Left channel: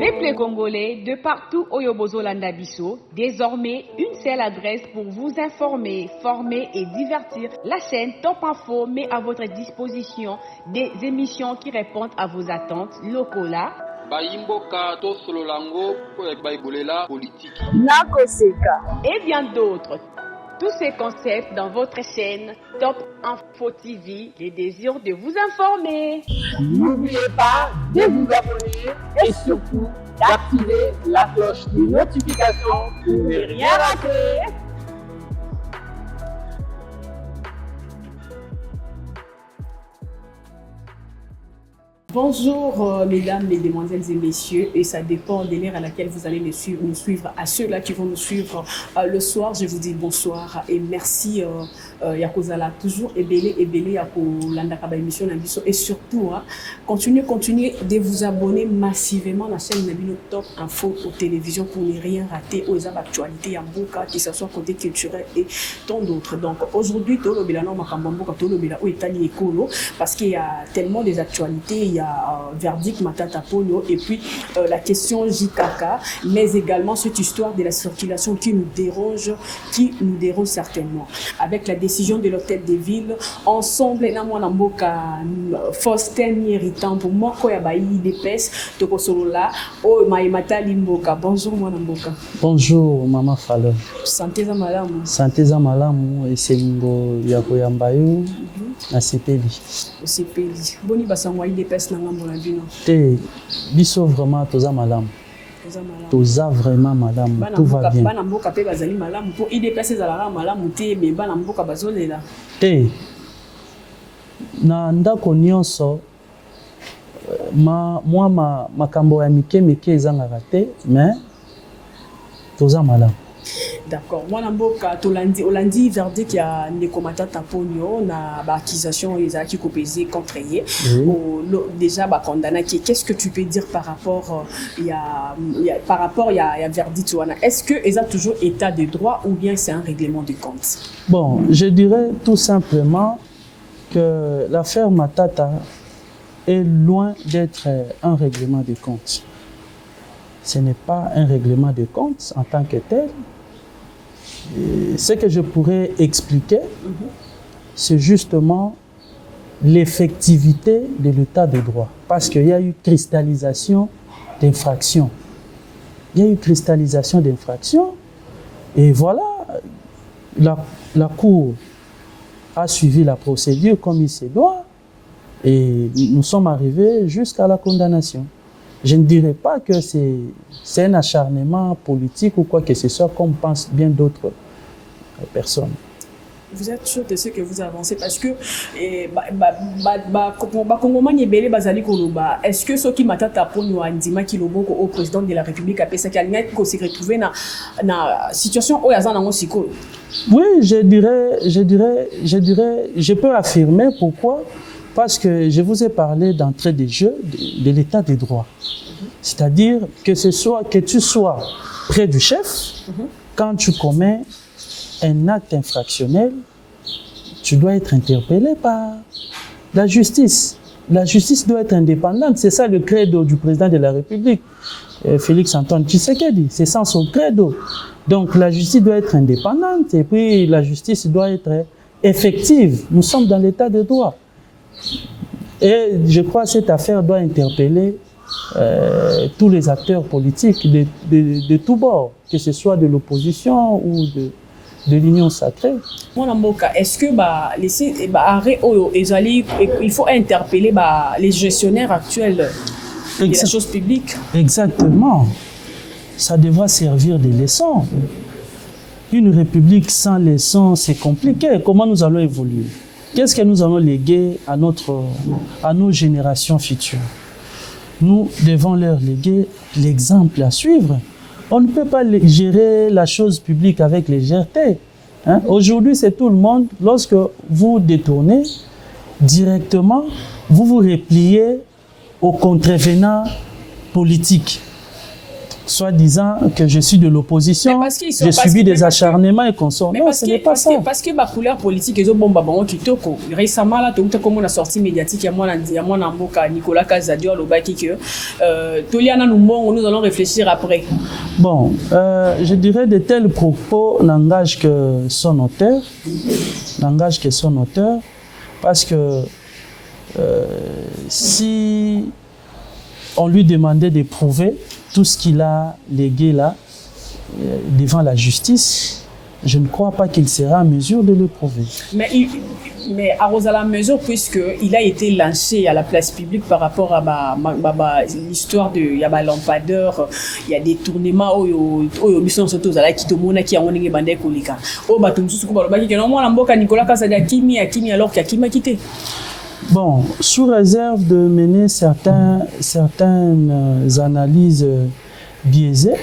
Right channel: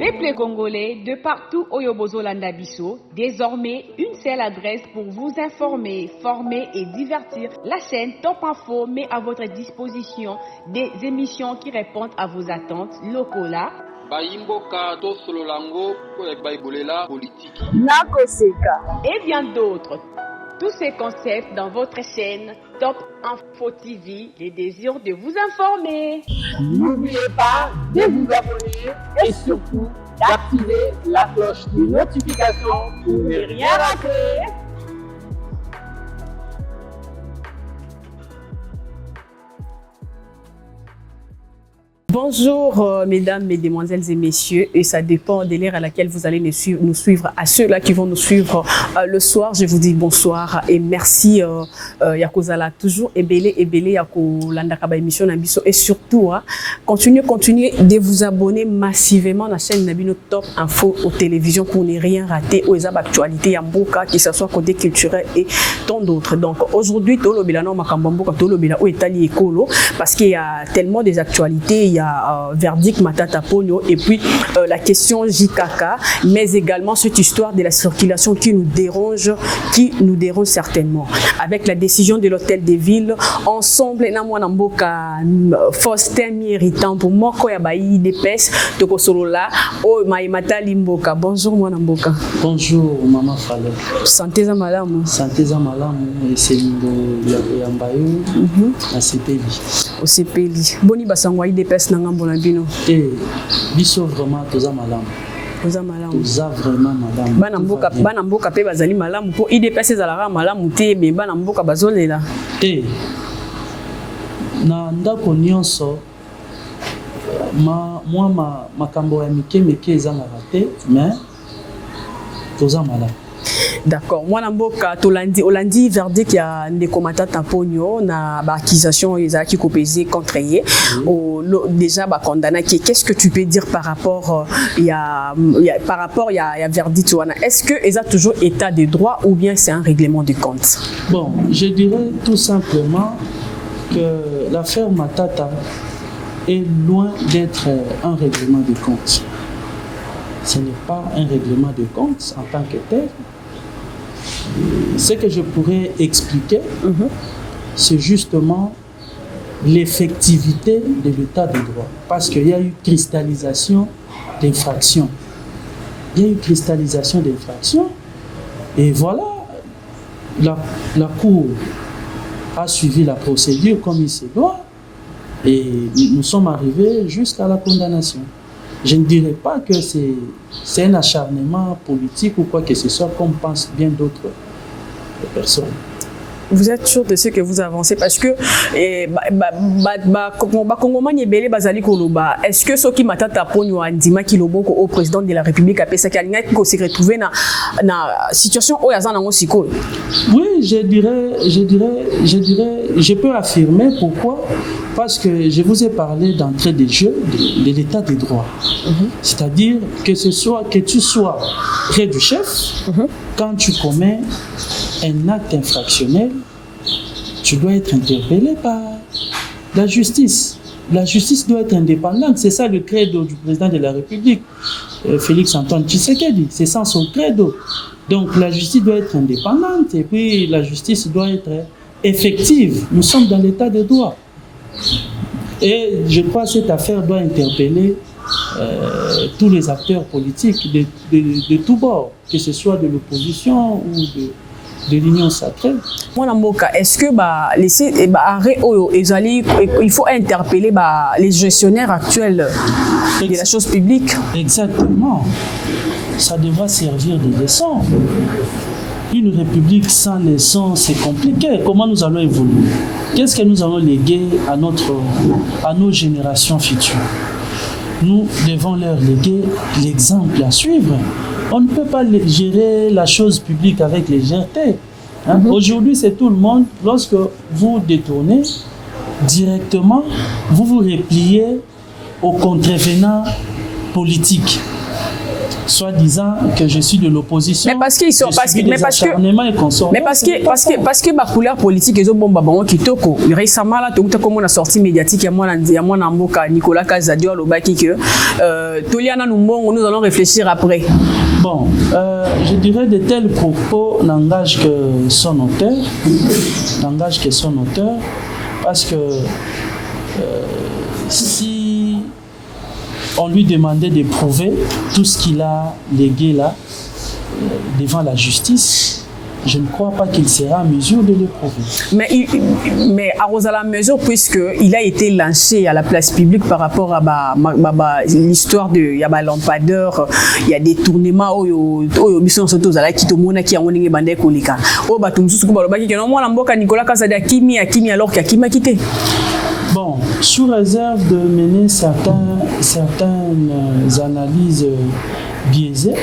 Peuple congolais, de partout au Yobozolanda Bisso, désormais une seule adresse pour vous informer, former et divertir. La chaîne Top Info met à votre disposition des émissions qui répondent à vos attentes locaux là. Bayimboka to sololango po baibolela politique. Nakoseka. Et bien d'autres. Tous ces concepts dans votre chaîne Top Info TV, les désirs de vous informer. N'oubliez pas de vous abonner et surtout d'activer la cloche de notification pour ne rien rater. Bonjour mesdames, mesdemoiselles et messieurs, et ça dépend de l'heure à laquelle vous allez nous suivre. À ceux-là qui vont nous suivre le soir, je vous dis bonsoir et merci Yakozala toujours ebele Yakolanda Kaba émission Nabiso et surtout continuez de vous abonner massivement à la chaîne Nabino Top Info aux télévisions pour ne rien rater aux actualités Yamboka, que ce soit côté culturel et tant d'autres. Donc aujourd'hui, Tolobela no Makambamboka Tolobela ou Etali Ekolo parce qu'il y a tellement des actualités. Il y a verdict Matata Ponyo et puis la question JKK, mais également cette histoire de la circulation qui nous dérange certainement. Avec la décision de l'hôtel des villes, ensemble, Namboka Faustin irritant pour moi, Koyabaï Dépès, Tokosolola, Oh Maïmata Limboka. Bonjour, moi Namboka. Bonjour, Maman Fale. Santé za malamu. Santé za malamu, et c'est le Yakoyambayo, à CPI. Au CPI. Boni Basangwaï Dépès. Et biso vraiment toza malam. Toza vraiment madame. Bana mboka pe bazali malamu po IDPS ezalaka malamu te me bana mboka bazolela. Eh. Na ndako nyonso makambo ya mike ezangaka te mais toza malamu. D'accord. Moi, Namboka, Olandi verdict, il y a des commentateurs Tamponio, na accusation qui pesé contre eux. Déjà, condamné. Qu'est-ce que tu peux dire par rapport il y a verdict? Est-ce que ils ont toujours état de droit ou bien c'est un règlement de compte? Bon, je dirais tout simplement que l'affaire Matata est loin d'être un règlement de compte. Ce n'est pas un règlement de compte en tant que tel. Ce que je pourrais expliquer, c'est justement l'effectivité de l'état de droit. Parce qu'il y a eu cristallisation d'infraction. Et voilà, la Cour a suivi la procédure comme il se doit. Et nous sommes arrivés jusqu'à la condamnation. Je ne dirais pas que c'est un acharnement politique ou quoi que ce soit, comme pensent bien d'autres personnes. Vous êtes sûr de ce que vous avancez parce que est-ce que ceux qui m'attendent à Ponyo Andima qui l'obonko au président de la République a pensé qu'il s'est retrouvé dans la situation où il y a un psycho? Oui, je peux affirmer pourquoi. Parce que je vous ai parlé d'entrée de jeu de l'état de droit. C'est-à-dire que tu sois près du chef, quand tu commets un acte infractionnel, tu dois être interpellé par la justice. La justice doit être indépendante. C'est ça le credo du président de la République, Félix Antoine Tshisekedi. C'est ça son credo. Donc la justice doit être indépendante et puis la justice doit être effective. Nous sommes dans l'état de droit. Et je crois que cette affaire doit interpeller tous les acteurs politiques de tous bords, que ce soit de l'opposition ou de l'Union sacrée. Est-ce que il faut interpeller les gestionnaires actuels de la chose publique? Exactement. Ça devra servir de leçon. Une république sans leçon, c'est compliqué. Comment nous allons évoluer? Qu'est-ce que nous allons léguer à nos générations futures? Nous devons leur léguer l'exemple à suivre. On ne peut pas gérer la chose publique avec légèreté. Aujourd'hui, c'est tout le monde. Lorsque vous détournez directement, vous vous repliez aux contrevenants politiques. soi-disant que je suis de l'opposition, j'ai subi des acharnements et consorts. Mais parce que ma couleur politique, ils ont bon babon qui toko. Récemment là, tout comme on a sorti médiatique, il y a mon amour Nicolas Casadio au baki que Toliana nous allons réfléchir après. Bon, je dirais de tels propos n'engagent que son auteur, parce que si on lui demandait de prouver tout ce qu'il a légué là devant la justice, je ne crois pas qu'il sera en mesure de le prouver. Mais à la mesure, puisqu'il a été lancé à la place publique par rapport à l'histoire de lampadaire, il y a des tournements où ils sont qui tout le monde qui a un bandé kolika. Nicolas Casada Kimi alors qu'il a quitté. Bon, sous réserve de mener certaines analyses biaisées,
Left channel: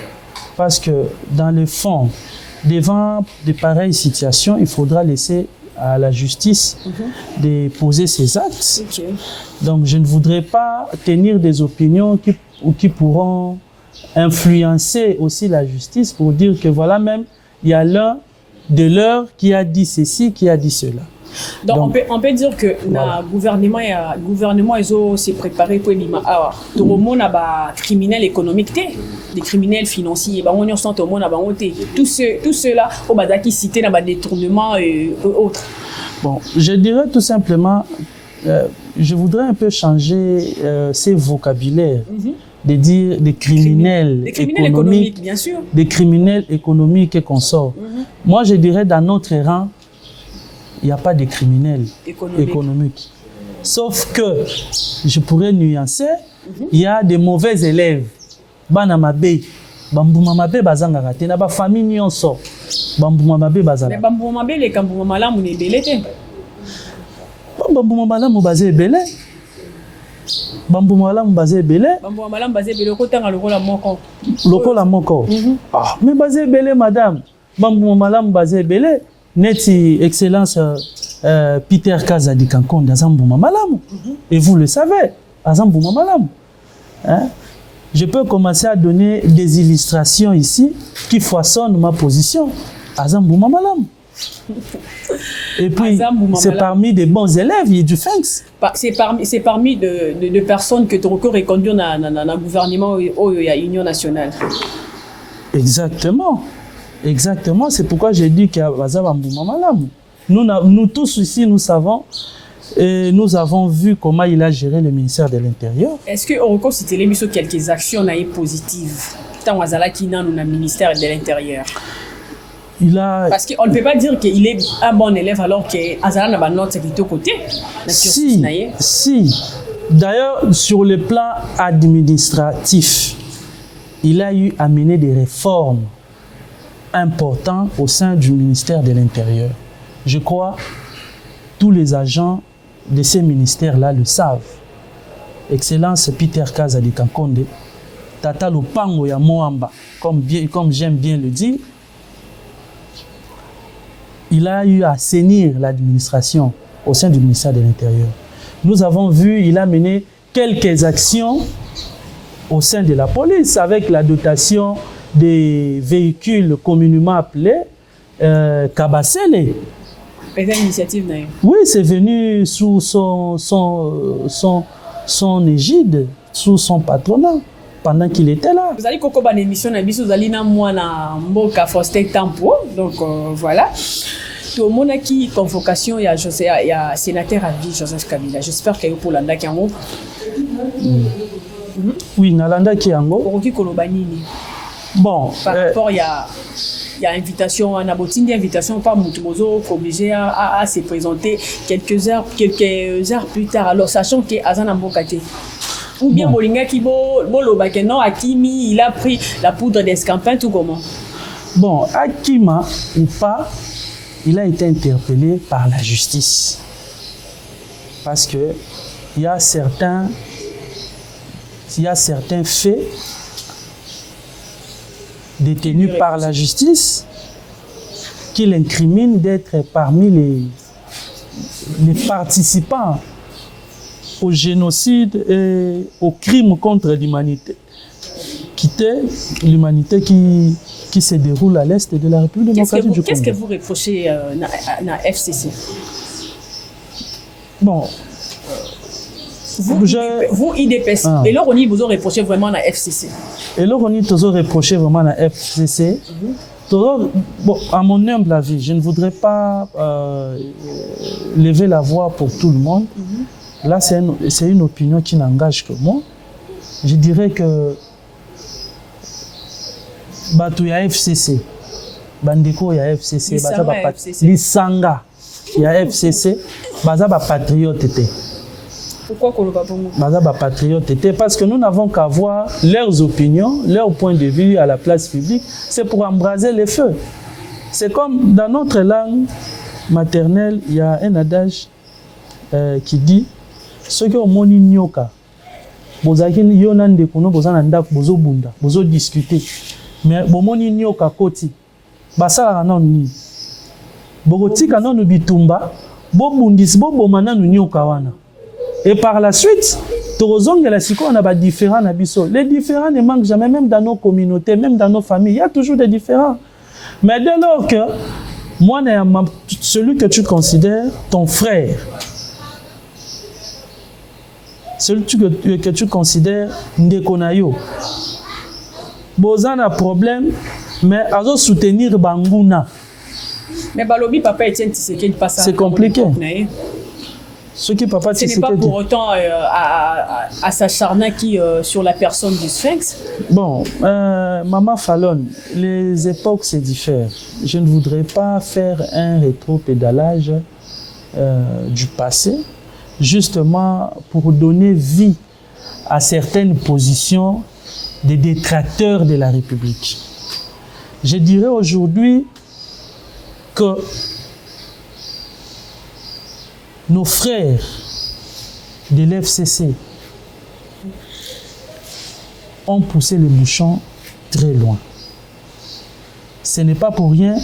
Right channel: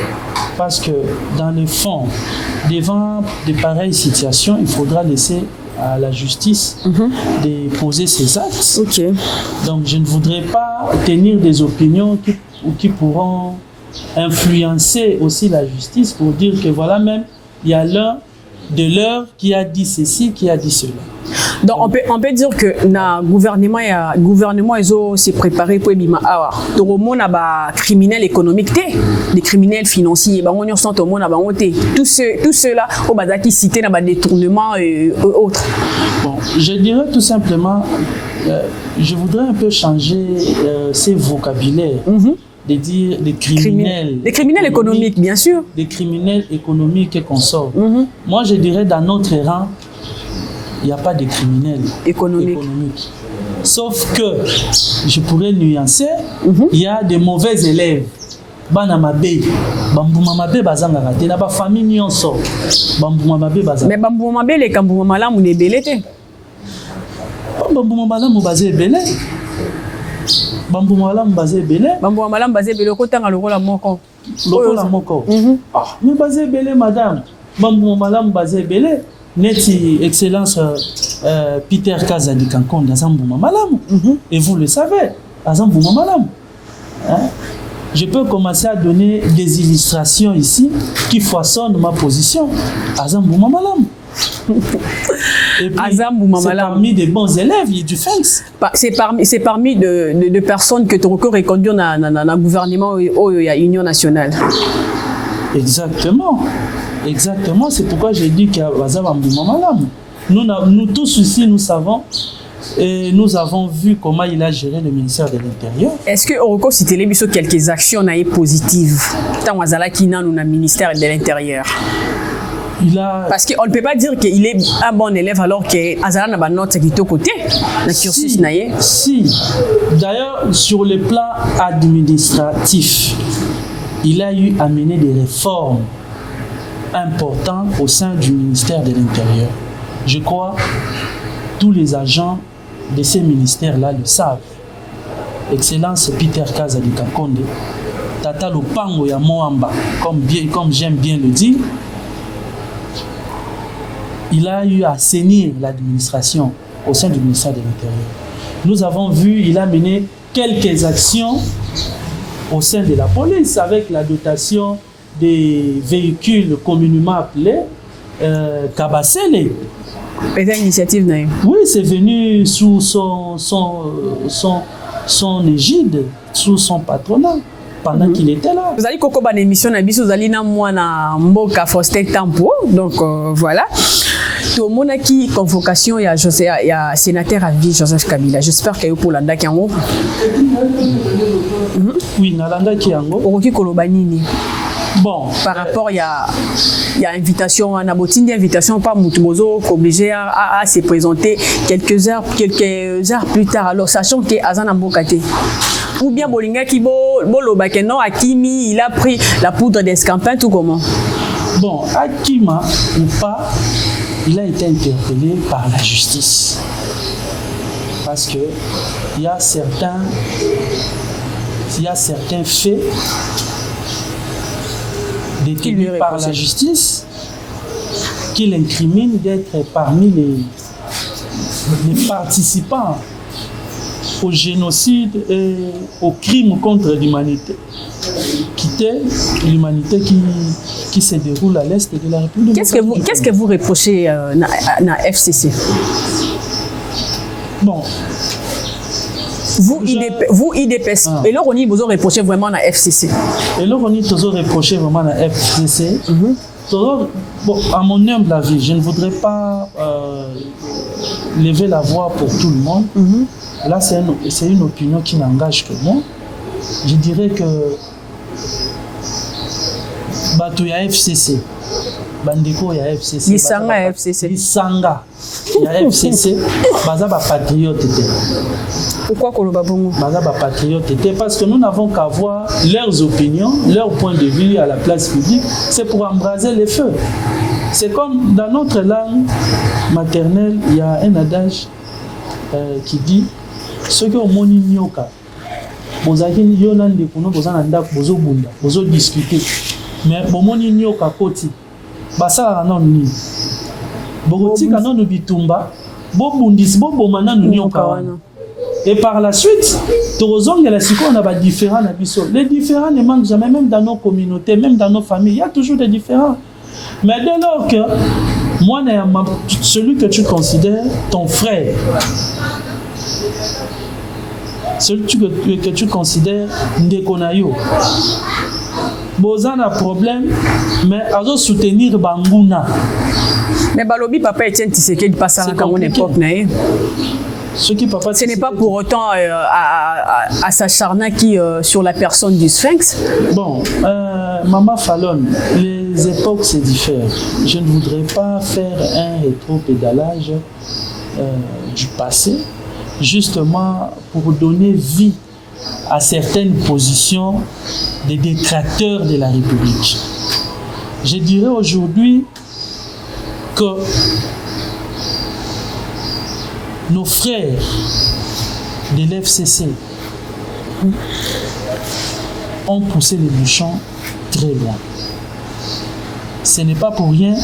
parce que dans le fond, devant de pareilles situations, il faudra laisser à la justice de poser ses actes. Okay. Donc je ne voudrais pas tenir des opinions qui pourront influencer aussi la justice pour dire que voilà, même il y a l'un de l'heure qui a dit ceci, qui a dit cela. Donc on peut dire que le gouvernement ils ont s'est préparé pour l'ima. Tout le monde a criminels économiques, des criminels financiers, on sent tout le monde a tout cela au bazar qui citait dans des détournements et autres. Bon, je dirais tout simplement, je voudrais un peu changer ces vocabulaires. De dire des criminels économiques, bien sûr. Des criminels économiques et consorts. Moi, je dirais dans notre rang, il n'y a pas de criminels économiques. Sauf que, je pourrais nuancer, il y a des mauvais élèves. Bana mabe, bambuma mabe bazanga raté, na ba famille nyonso. Bambuma mabe bazanga. Mais bambuma mabe les kambuma malamu ne belete. Bambuma malamu bazé belé. Bambuma malamu bazé belé. Bambuma malamu bazé belé kotanga lokola moko. Lokola moko. Ah, mais bazé belé madame. Bambuma malamu bazé belé. Neti excellence Peter Kazadi Kankonda Zambuma malamu. Et vous le savez, Zambuma malamu. Hein? Je peux commencer à donner des illustrations ici qui façonnent ma position. Azambouma Malam. Et puis, c'est parmi des bons élèves du FENS. C'est parmi de personnes que tu reconnais conduire dans le gouvernement ou l'Union nationale. Exactement. Exactement. C'est pourquoi j'ai dit qu'il y a Azambouma Malam. Nous tous ici, nous savons. Et nous avons vu comment il a géré le ministère de l'Intérieur. Est-ce qu'on peut citer quelques actions positives dans le ministère de l'Intérieur? Parce qu'on ne peut pas dire qu'il est un bon élève alors qu'Azala n'a pas notre qui est au côté. Si. D'ailleurs, sur le plan administratif, il a eu à mener des réformes importantes au sein du ministère de l'Intérieur. Je crois que tous les agents de ces ministères-là le savent. Excellence Peter Kazadi Kankonde, Tata Lupango ya Moamba, comme j'aime bien le dire, il a eu à assainir l'administration au sein du ministère de l'Intérieur. Nous avons vu, il a mené quelques actions au sein de la police avec la dotation des véhicules communément appelés Kabassele. Initiative, oui, c'est venu sous son égide, sous son patronat, pendant qu'il était là. Vous allez coco une émission vous allez dans moi na Mboka Faustin Tampo, donc voilà. Tout le monde a qui convocation il y a sénateur à vie Joseph Kabila. J'espère qu'il y a pour l'anda qui en haut. Oui, Nalanda qui en haut. Oroki Kolobanini. Bon, par rapport, il y a invitation, on a une invitation par Moutumozo obligé à se présenter quelques heures plus tard. Alors, sachant que Azana Mbokate. Ou bien Bolinga qui Bolobakeno, Akimi, il a pris la poudre d'escampin, tout comment? Bon, Akima ou pas, il a été interpellé par la justice. Parce que il y a certains faits détenu par la justice qui l'incrimine d'être parmi les participants au génocide et aux crimes contre l'humanité. quitter l'humanité qui se déroule à l'est de la République démocratique du Congo. Qu'est-ce que vous reprochez à la FCC? Bon. Vous, IDPS, et là, on vous a reproché vraiment la FCC. Et là, on a reproché vraiment la FCC. Bon, à mon humble avis, je ne voudrais pas lever la voix pour tout le monde. Là, c'est une opinion qui n'engage que moi. Je dirais que Bato ya FCC, Bandeko ya FCC, Lisanga ya FCC, Baza ba patriote. Pourquoi qu'on va bon? Baza ba patriote, parce que nous n'avons qu'à voir leurs opinions, leur point de vue à la place publique, c'est pour embraser les feux. C'est comme dans notre langue maternelle, il y a un adage qui dit ce que au moni nyoka, bozaki yonan de kono bozana ndak bozo bunda, bozo discuter. Mais bon moni nyoka koti, basa non ni. Bogotika non bitumba, bo bundis bo bomana nyoka wana. Et par la suite, on a des différents abyssaux. Les différents ne manquent jamais, même dans nos communautés, même dans nos familles. Il y a toujours des différents. Mais dès lors que moi, celui que tu considères ton frère, celui que tu considères Ndekonayo, Bozan a problème, mais à soutenir Banguna. Mais Balobi, papa Etienne Tshisekedi passe à l'époque. Ce n'est pas pour autant à s'acharner sur la personne du Sphinx. Bon, Maman Fallon, les époques se diffèrent. Je ne voudrais pas faire un rétro-pédalage du passé, justement pour donner vie à certaines positions des détracteurs de la République. Je dirais aujourd'hui que nos frères de l'FCC ont poussé les bouchons très loin. Ce n'est pas pour rien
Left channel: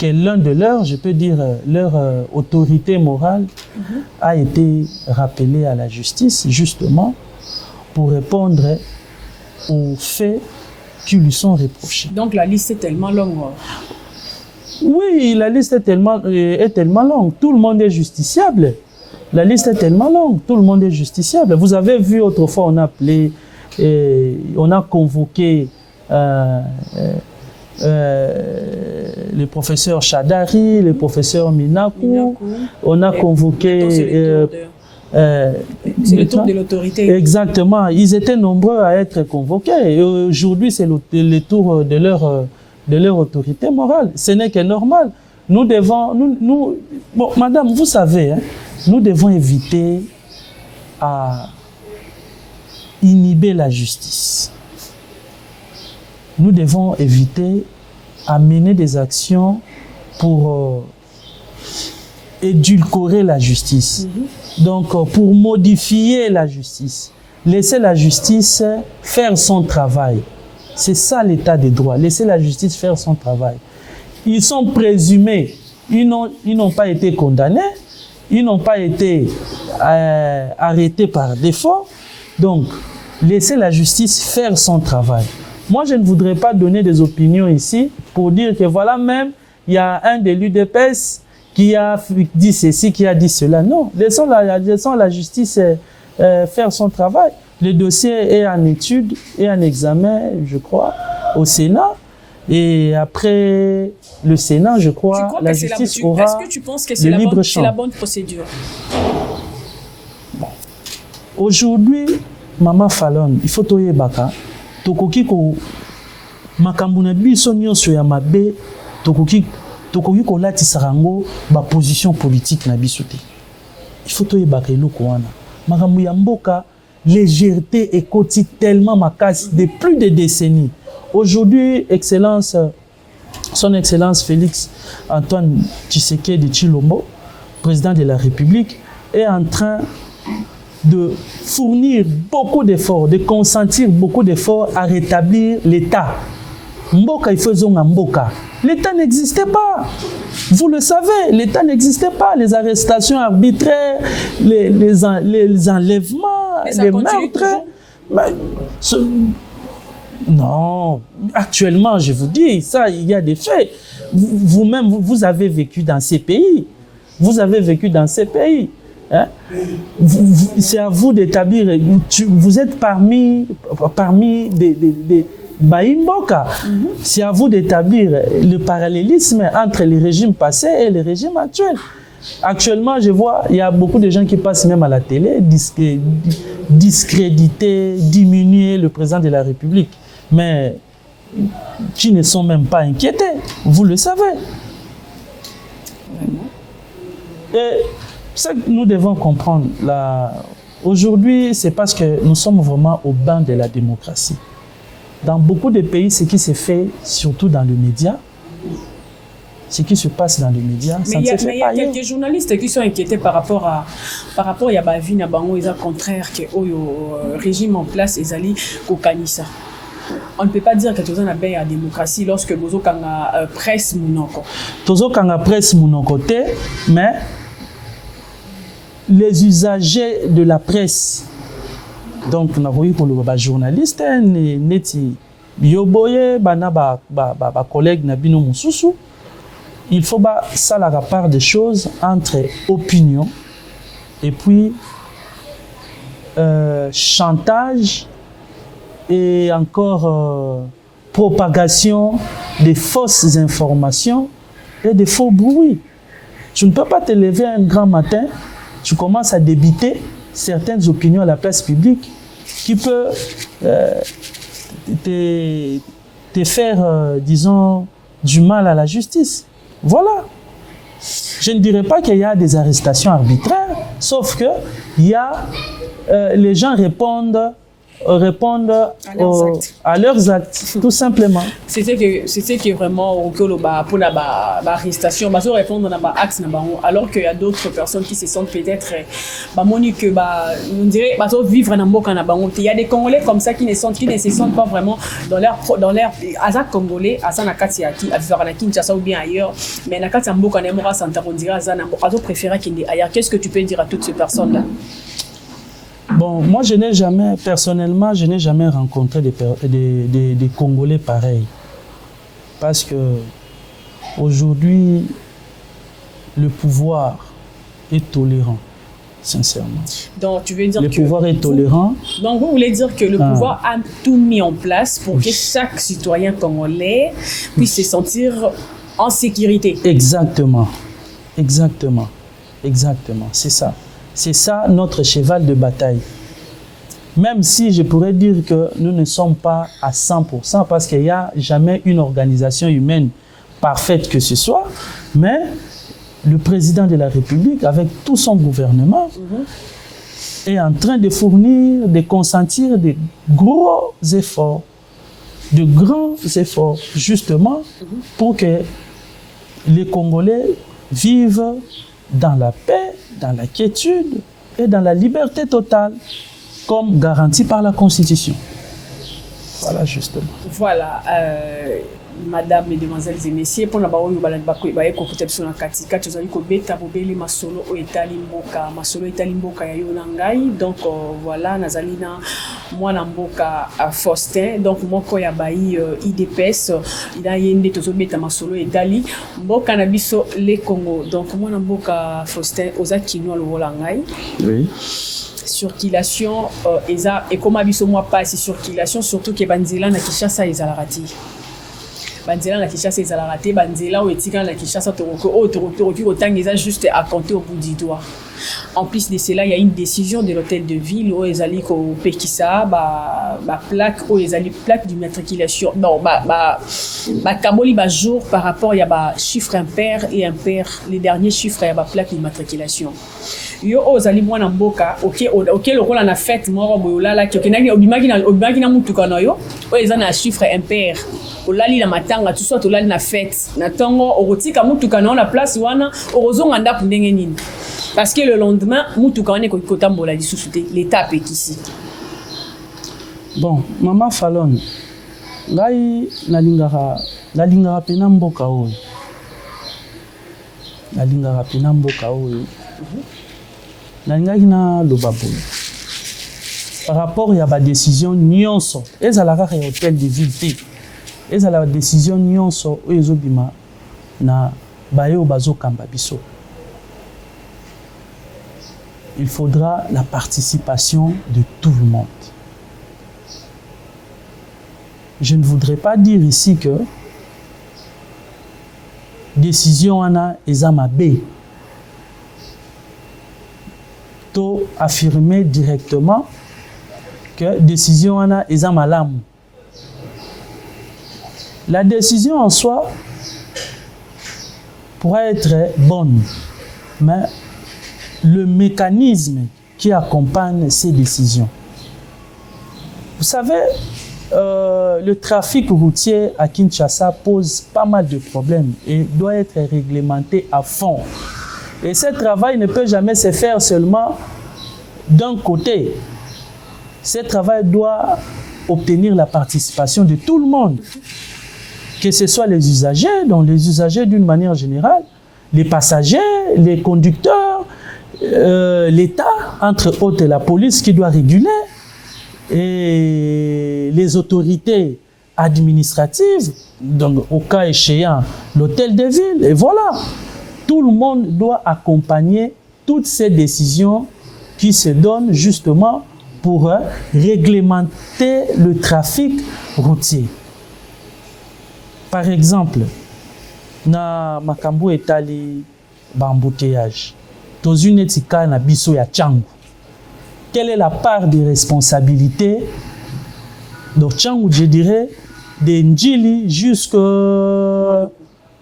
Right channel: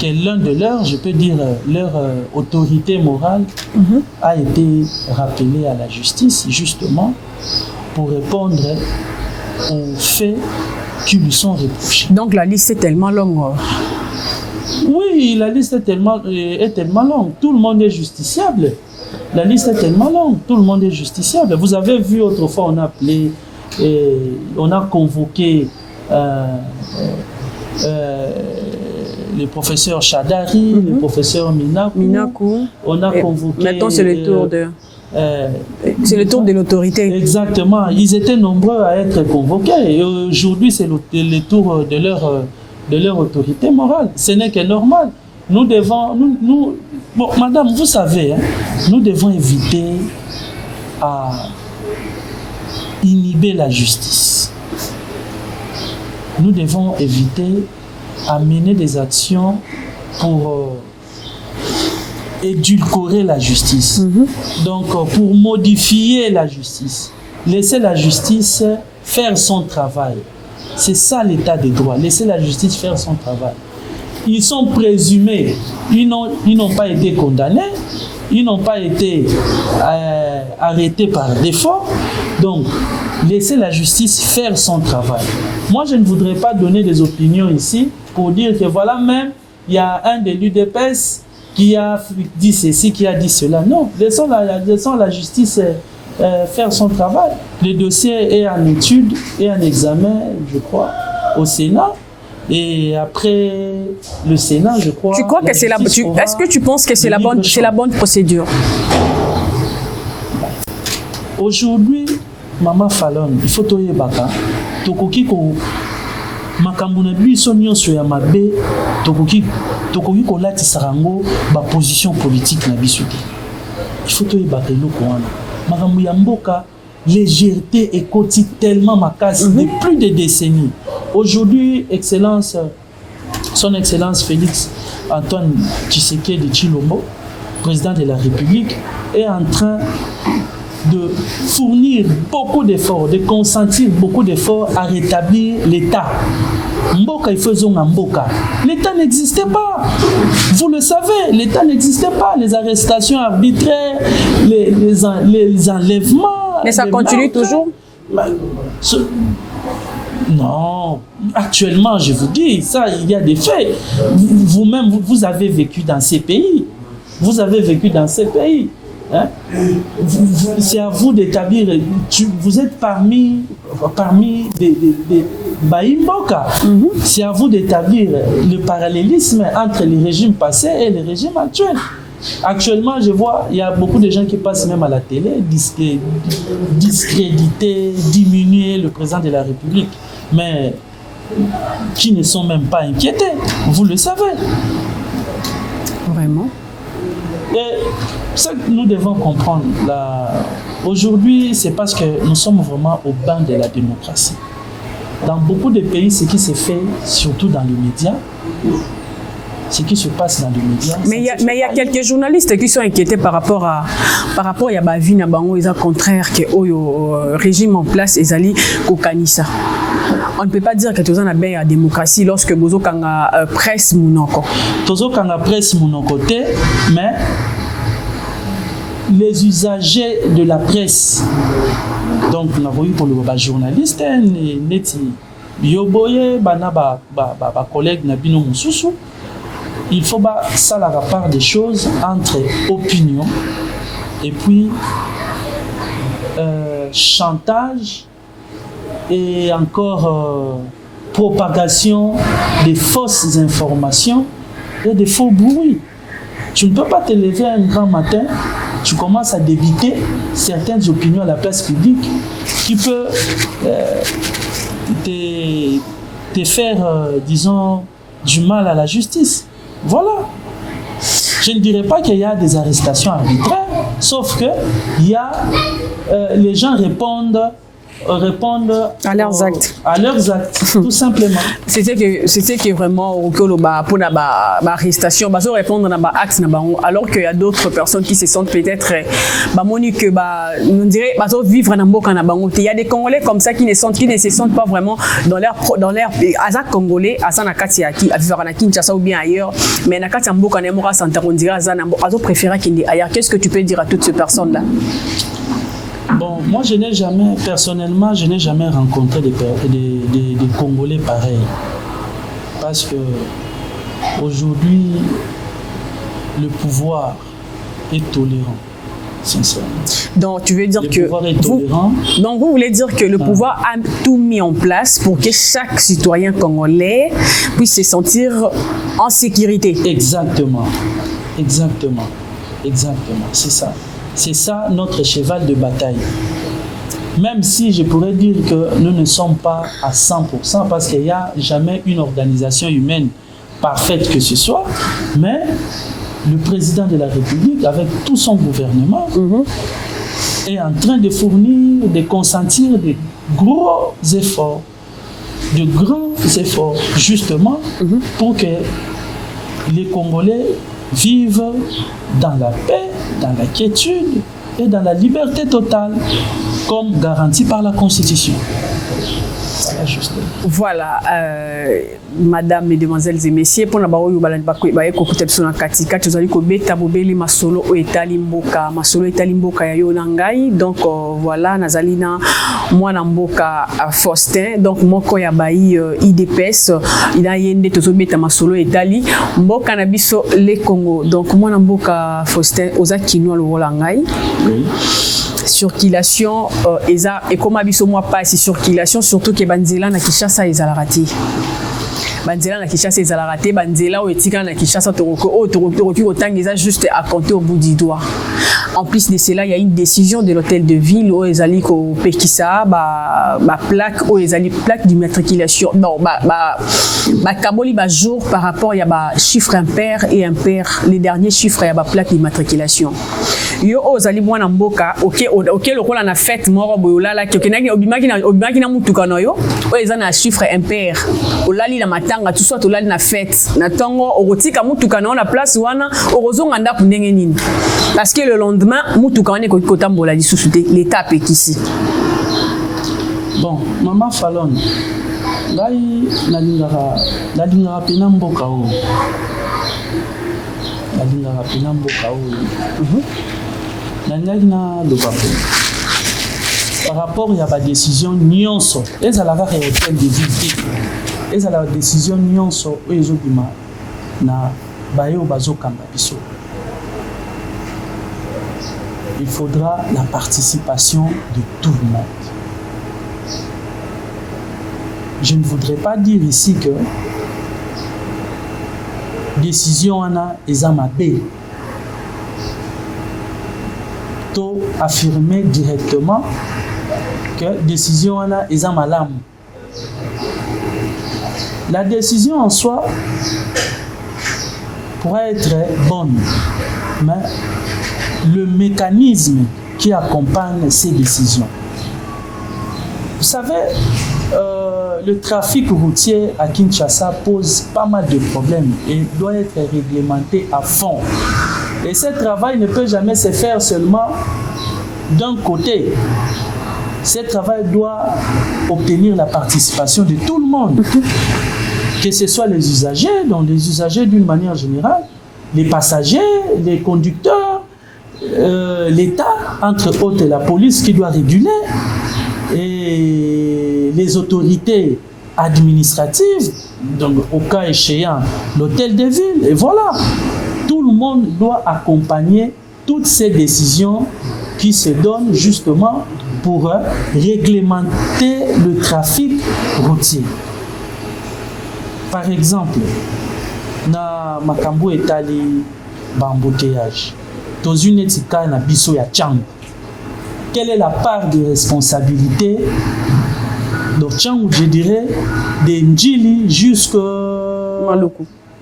que l'un de leurs, je peux dire, leur autorité morale a été rappelé à la justice, justement, pour répondre aux faits qui lui sont reprochés. Donc la liste est tellement longue. Oui, la liste est tellement longue. Tout le monde est justiciable. La liste est tellement longue. Tout le monde est justiciable. Vous avez vu autrefois, on a appelé, on a convoqué le professeur Chadari, le professeur Minakou. On a convoqué. Maintenant, c'est le tour de. C'est le tour de l'autorité. Exactement. Ils étaient nombreux à être convoqués. Et aujourd'hui, c'est le tour de leur autorité morale. Ce n'est que normal. Nous devons, bon, madame, vous savez, hein, nous devons éviter à inhiber la justice. Nous devons éviter à mener des actions pour édulcorer la justice. Donc, pour modifier la justice. Laisser la justice faire son travail. C'est ça l'état des droits. Laisser la justice faire son travail. Ils sont présumés. Ils n'ont pas été condamnés. Ils n'ont pas été arrêtés par défaut. Donc, laisser la justice faire son travail. Moi, je ne voudrais pas donner des opinions ici pour dire que voilà, même, il y a un de l'UDPS qui a dit ceci, qui a dit cela. Non, laissons la justice faire son travail. Le dossier est en étude et en examen, je crois, au Sénat. Et après le Sénat, je crois. Tu crois que c'est est-ce que tu penses que c'est la bonne procédure? Aujourd'hui, Maman Fallon, il faut toyer baka. Tokoki ko makambuna biso nyonso ya mabe, tokoki ko latisa rango ba position politique na biso te. Il faut toyer baka eloko wana. Makambo ya mboka, légèreté et koti tellement makasi de plus de décennies. Aujourd'hui, son Excellence Félix Antoine Tshisekedi Tshilombo, président de la République, est en train de fournir beaucoup d'efforts, de consentir beaucoup d'efforts à rétablir l'État. Mboka, il faisait un Mboka. L'État n'existait pas. Vous le savez, l'État n'existait pas. Les arrestations arbitraires, les enlèvements. Mais ça continue toujours. Non, actuellement, je vous dis, ça, il y a des faits. Vous-même, vous avez vécu dans ces pays. Vous avez vécu dans ces pays. Hein? C'est à vous d'établir. Vous êtes parmi des Baïmboka. C'est à vous d'établir le parallélisme entre les régimes passés et les régimes actuels. Actuellement, je vois, il y a beaucoup de gens qui passent même à la télé, discréditer, diminuer le président de la République, mais qui ne sont même pas inquiétés. Vous le savez. Vraiment. Et ce que nous devons comprendre, aujourd'hui, c'est parce que nous sommes vraiment au banc de la démocratie. Dans beaucoup de pays, ce qui se fait, surtout dans les médias, ce qui se passe dans les médias. Mais il y a quelques journalistes qui sont inquiétés par rapport à ma vie na bango, ils ont contraire que le régime en place ezali kokanisa. On ne peut pas dire que tout ça n'a pas la démocratie lorsque bozo kanga presse monoko. Tozo kanga presse monoko te, mais les usagers de la presse, donc on a vu pour les journalistes, neti bioboye bana ba collègue nabino mususu. Il faut ça la part des choses entre opinion et puis chantage et encore propagation des fausses informations et des faux bruits. Tu ne peux pas te lever un grand matin, tu commences à débiter certaines opinions à la place publique qui peut te faire, disons, du mal à la justice. Voilà. Je ne dirais pas qu'il y a des arrestations arbitraires, sauf que les gens répondent à leurs actes. À leurs actes, tout simplement. C'était que vraiment pour la arrestation, ils répondre à actes, alors qu'il y a d'autres personnes qui se sentent peut-être on dirait vivre dans le il y a des Congolais comme ça qui ne se sentent pas vraiment dans leur azak congolais, azan nakati yaki, azana Kinshasa ou bien ailleurs, mais nakati mboka na mora santa on dirait azana azo préférer qu'il est ailleurs. Qu'est-ce que tu peux dire à toutes ces personnes là? Bon, moi personnellement, je n'ai jamais rencontré des Congolais pareils. Parce que aujourd'hui, le pouvoir est tolérant, sincèrement. Donc, tu veux dire le pouvoir est tolérant. Donc, vous voulez dire que le pouvoir a tout mis en place pour que chaque citoyen congolais puisse se sentir en sécurité. Exactement. C'est ça. C'est ça notre cheval de bataille. Même si je pourrais dire que nous ne sommes pas à 100% parce qu'il n'y a jamais une organisation humaine parfaite que ce soit, mais le président de la République, avec tout son gouvernement, est en train de fournir, de consentir de gros efforts, justement, pour que les Congolais vivent dans la paix, dans la quiétude et dans la liberté totale, comme garanti par la Constitution. Voilà, justement. Voilà, Madame, Mesdemoiselles et Messieurs, pour la baoyo baye kokuta biso na katika tozali kobeta bobeli masolo o etali mboka ya yo na ngai. Donc voilà, nazali na mwana mboka Faustin, donc moko ya bayi IDPS, ila yende tozobeta masolo etali mboka na biso le Congo. Donc mwana mboka Faustin oza kinwa lobola ngai. Oui. Circulation et comme abiso moi pas si circulation surtout que banzela na Kinshasa ezalaka banzela na Kinshasa ezalaka te, banzela o etika na Kinshasa toroki otangisa juste à compter au bout du doigt. En plus de cela, il y a une décision de l'hôtel de ville où ezali ko pekisa ba plaque où ezali plaque d'immatriculation. Non, ba kaboli ba jour par rapport il y a ba chiffre impair et impair, les derniers chiffres il y a ba plaque d'immatriculation. Yo ozali mwana mboka OK lokola na fête moko boyolala ki okenaki obimaki na mutuka na yo o eza na chiffre impair olali la matanga tout soit olali na fête na tango okotika mutuka na place wana orozonga ndapu ndenge nini parce que le lendemain mutuka wana ko kotambola lisusu te l'état pekisi. Bon, Mama Fallon ngai nalingaka pena mboka o nalingaki na loba boye par rapport à la décision nyonso ezalaka réhôtel de ville ezala décision nyonso oyo ezobima na bayo bazokamba biso. Il faudra la participation de tout le monde. Je ne voudrais pas dire ici que décision ana ezamabe. To affirmer directement que décision ana ezamalam. La décision en soi pourrait être bonne, mais le mécanisme qui accompagne ces décisions. Vous savez, le trafic routier à Kinshasa pose pas mal de problèmes et doit être réglementé à fond. Et ce travail ne peut jamais se faire seulement d'un côté. Ce travail doit obtenir la participation de tout le monde, que ce soit les usagers, donc les usagers d'une manière générale, les passagers, les conducteurs, l'État, entre autres la police qui doit réguler, et les autorités administratives, donc au cas échéant l'hôtel de ville, et voilà. Tout le monde doit accompagner toutes ces décisions qui se donnent justement pour réglementer le trafic routier. Par exemple, na makambo etali bambouteillage. Dans une éthique na biso ya Tchang. Quelle est la part de responsabilité de Tchang, je dirais, de Ndjili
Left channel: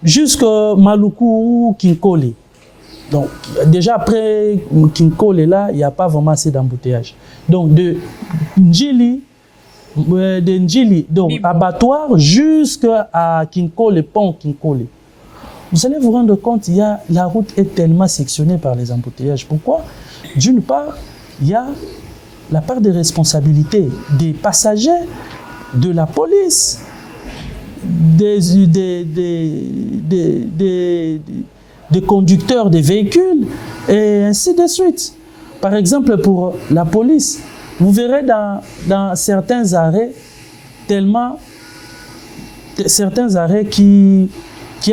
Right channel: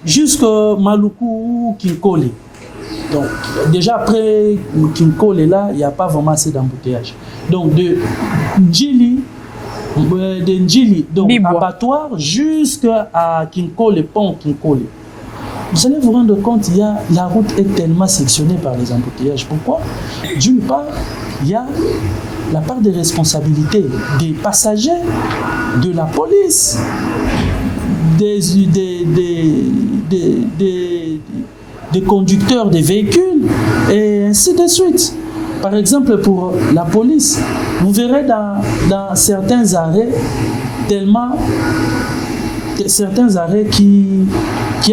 jusqu'à Maluku ou Kinkole. Donc, déjà après Kinkole, là, il n'y a pas vraiment assez d'embouteillage. Donc, de Ndjili, donc abattoir jusqu'à Kinkole, pont Kinkole. Vous allez vous rendre compte, la route est tellement sectionnée par les embouteillages. Pourquoi? D'une part, il y a la part de responsabilité des passagers, de la police, des conducteurs des véhicules, et ainsi de suite. Par exemple, pour la police, vous verrez dans certains arrêts, certains arrêts qui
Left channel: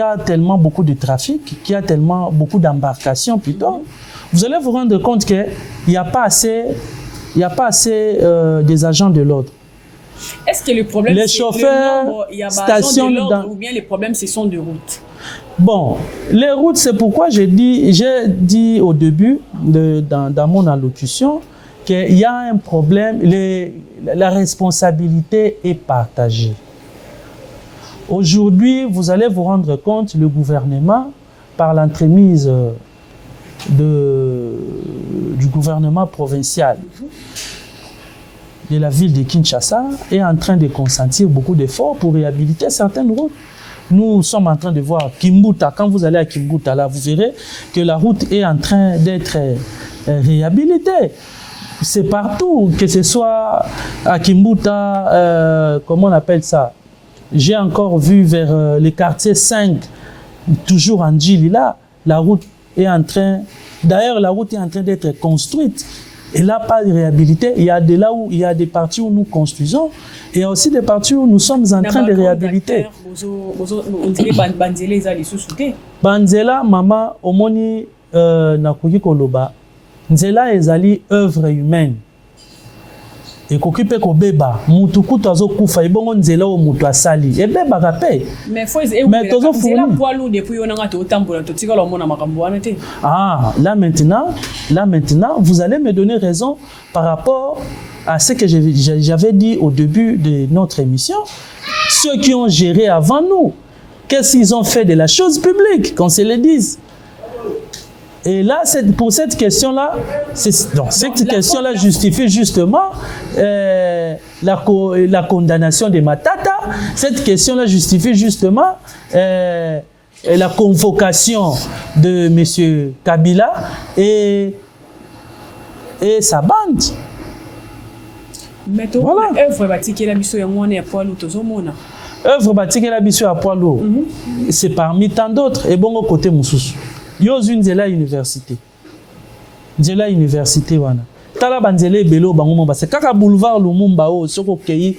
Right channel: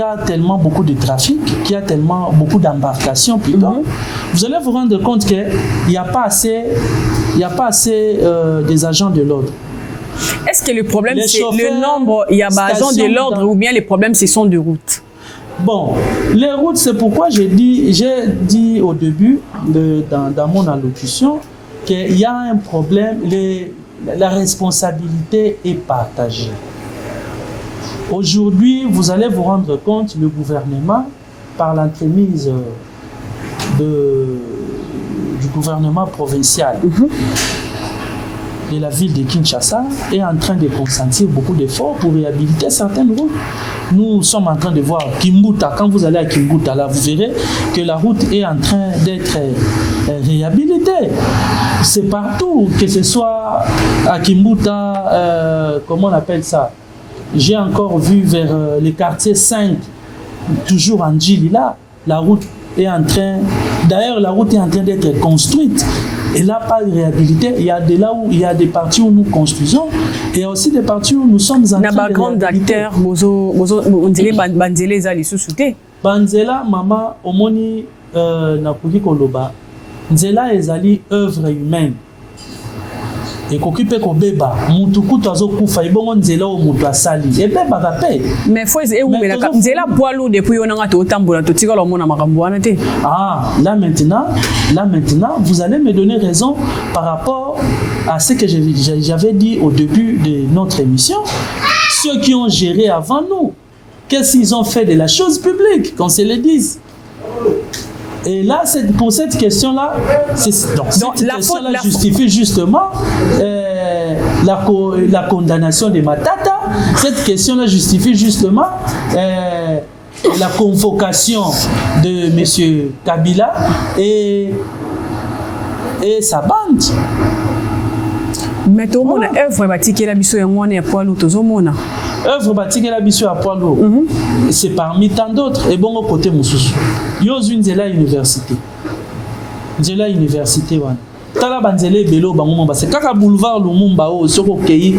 a tellement beaucoup de trafic, qui a tellement beaucoup d'embarcations plutôt, vous allez vous rendre compte qu'il n'y a pas assez, des agents de l'ordre. Est-ce que le problème c'est le nombre, il y a agents de l'ordre ou bien les problèmes ce sont de routes? Bon, les routes, c'est pourquoi j'ai dit au début dans mon allocution qu'il y a un problème, la responsabilité est partagée. Aujourd'hui, vous allez vous rendre compte, le gouvernement, par l'entremise du gouvernement provincial de la ville de Kinshasa, est en train de consentir beaucoup d'efforts pour réhabiliter certaines routes. Nous sommes en train de voir Kimbuta. Quand vous allez à Kimbuta, là, vous verrez que la route est en train d'être réhabilitée. C'est partout, que ce soit à Kimbuta, comment on appelle ça? J'ai encore vu vers le quartier 5, toujours en Djili, là, la route est en train... D'ailleurs, la route est en train d'être construite. Et là, pas de réhabilité. Il y a des parties où nous construisons et il y a aussi des parties où nous sommes en train de réhabiliter. On dirait Banzela les ali sous-souté. Banzela, maman, omoni nakuki koloba. Nzela ezali œuvre humaine. Et qu'occupe ko beba mutu kutazo kufa ibongo nzela o mutu asali e beba kapé mais faut que nzela poilu depuis on a tout tambola to tika lo mona makambo wana te. Ah, là maintenant vous allez me donner raison par rapport à ce que j'avais dit au début de notre émission. Ceux qui ont géré avant nous, qu'est-ce qu'ils ont fait de la chose publique, qu'on se le dise. Et là, pour cette question-là, cette question-là justifie justement la condamnation de Matata. Cette question-là justifie justement la convocation de M. Kabila et sa bande. Mais tout le monde a œuvre bâtie la mission et moi on est à poil ou tout le monde. Œuvre bâtie la mission à poil ou. C'est parmi tant d'autres et bon au côté Moussous. Yo une Nzela université. Nzela université wana. tala banzele belo bango ba c'est kaka boulevard Lumumba o soko kei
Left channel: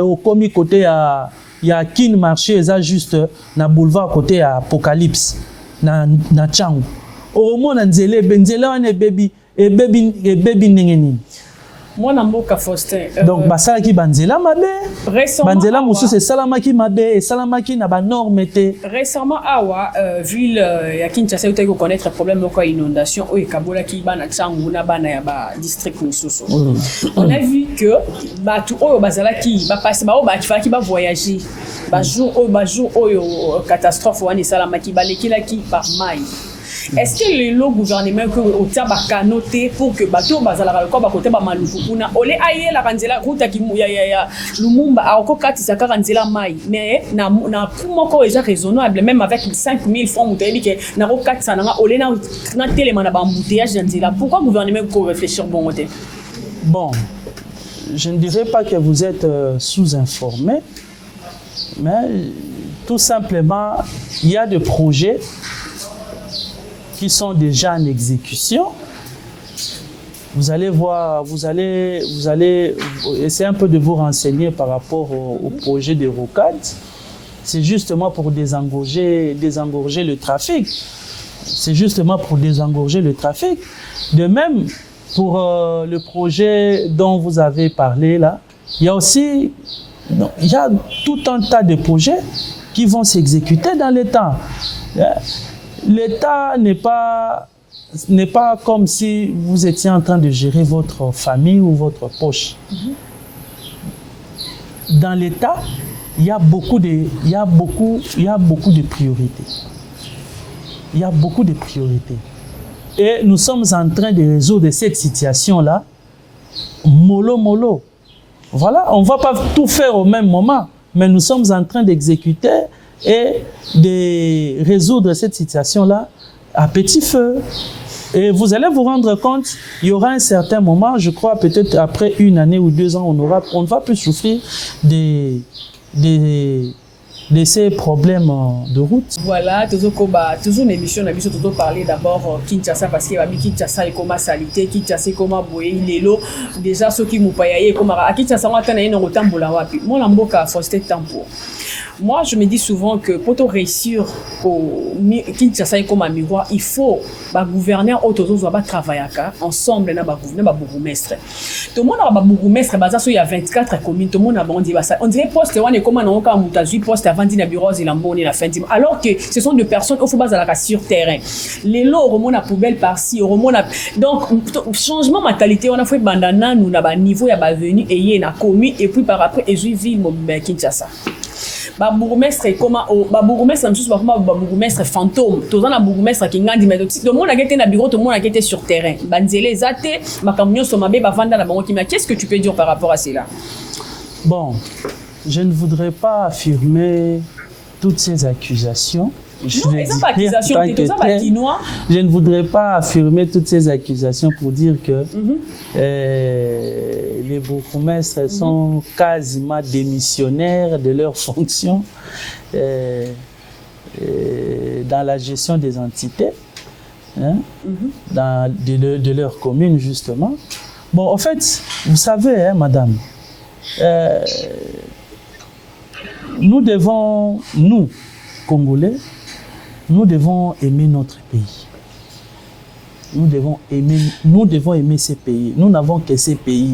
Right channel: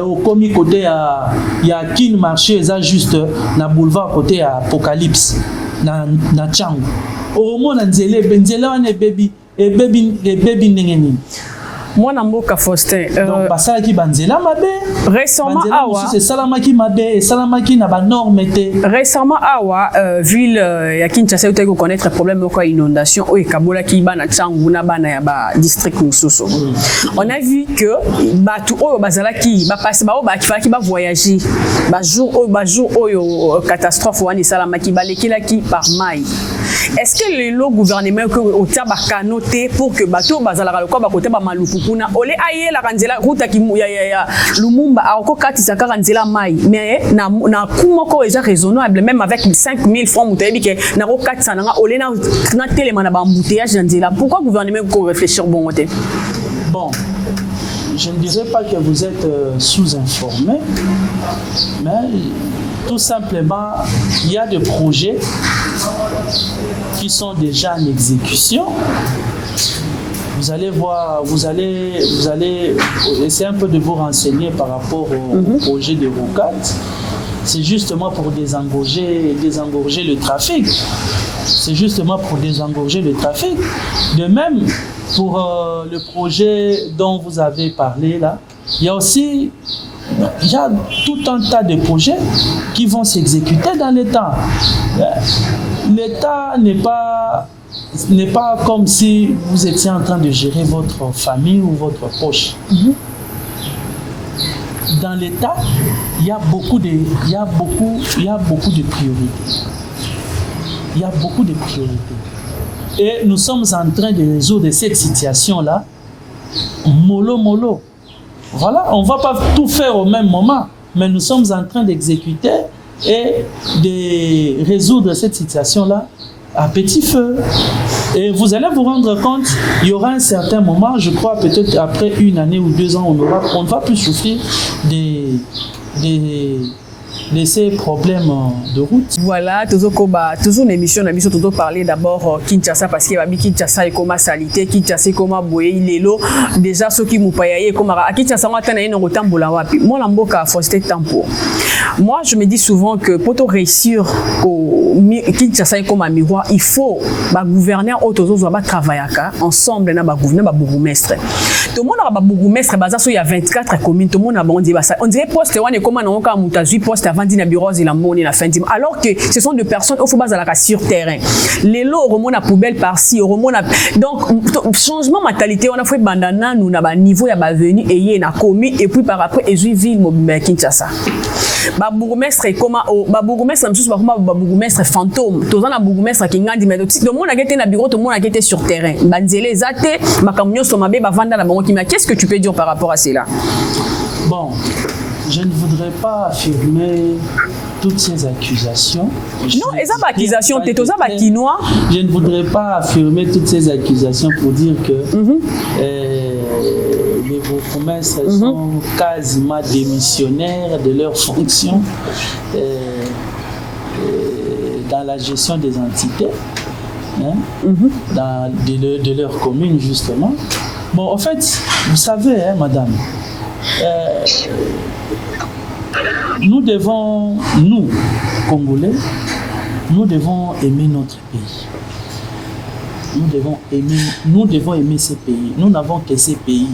au komi côté ya Kin marché eza juste na boulevard côté ya Apocalypse na Changu au mona nzele wana baby nengeni. Moi Mboka Faustin donc basala ki banzela mabe récemment banzela musu c'est salamaki mabe salamaki na ba norme te récemment awa ville ya Kinshasa yo teko connaître problème ko inondation o ekabola ki bana Tsangu na bana ya ba district mususu on a vu que batu oyo bazala ki ba passer ba o ba kifaki ba voyager ba jour oyo catastrophe wani salamaki ba lekila ki par mai. Est-ce que le gouvernement que au taba canoté pour que bateau bazala ko ba côté ba malupukuna ole aye la kanzela route ki ya Lumumba ako kati sa kanzela mai mais na kuma ko déjà raisonnable même avec 5000 francs mutayebi ke na ko kati sa na ole na telema na ba embouteillage nzela pourquoi le gouvernement ko réfléchir bon côté. Bon, je ne dirais pas que vous êtes sous-informé, mais tout simplement il y a des projets qui sont déjà en exécution. Vous allez voir, vous allez essayer un peu de vous renseigner par rapport au projet de Rocade. C'est justement pour désengorger le trafic. C'est justement pour désengorger le trafic. De même, pour le projet dont vous avez parlé là, il y a tout un tas de projets qui vont s'exécuter dans le temps. L'État n'est pas comme si vous étiez en train de gérer votre famille ou votre poche. Dans l'État, il y a beaucoup de priorités. Il y a beaucoup de priorités. Et nous sommes en train de résoudre cette situation-là, mollo. Voilà, on ne va pas tout faire au même moment, mais nous sommes en train d'exécuter et de résoudre cette situation-là à petit feu. Et vous allez vous rendre compte, il y aura un certain moment, je crois peut-être après 1 année ou 2 ans, on ne va plus souffrir de ces problèmes de route. Voilà, toujours une émission, on a parler d'abord Kinshasa parce que Kinshasa est comme salité, Kinshasa est comme boye, lelo déjà ceux qui m'ont payé comme à Kinshasa on a une rotambola wapi. Moi Mboka Faustin Tempo. Moi je me dis souvent que pour réussir au Kinshasa est comme un miroir, il faut ba gouverneur autour va travailler ensemble na ba gouverneur ba bourgmestre. Tout le monde a ba bourgmestre baza il y a 24 communes, tout le monde a on dit ça. On dirait poste on est comme on a mutazu poste avant na bureau la moni la fin du alors que ce sont des personnes il faut baser la sur terrain les lots remontent à poubelle par-ci remontent donc changement mentalité on a fait bandana nous na ba niveau ya ba venu et y na commis et puis par après et ville Kinshasa ba bourgmestre comment ba bourgmestre même chose ba bourgmestre fantôme tout na bourgmestre qui ngandi mais tout le monde a été na bureau tout le monde a été sur terrain banzele zate makamyo somabe ba vanda na bango qui mais qu'est-ce que tu peux dire par rapport à cela? Bon, je ne voudrais pas affirmer toutes ces accusations. Non, et ça, accusation, je ne voudrais pas affirmer toutes ces accusations pour dire que les bourgmestres sont quasiment démissionnaires de leurs fonctions dans la gestion des entités, de leur commune, justement. Bon, en fait, vous savez, madame, nous, Congolais, nous devons aimer notre pays. Nous devons aimer ces pays. Nous n'avons que ces pays.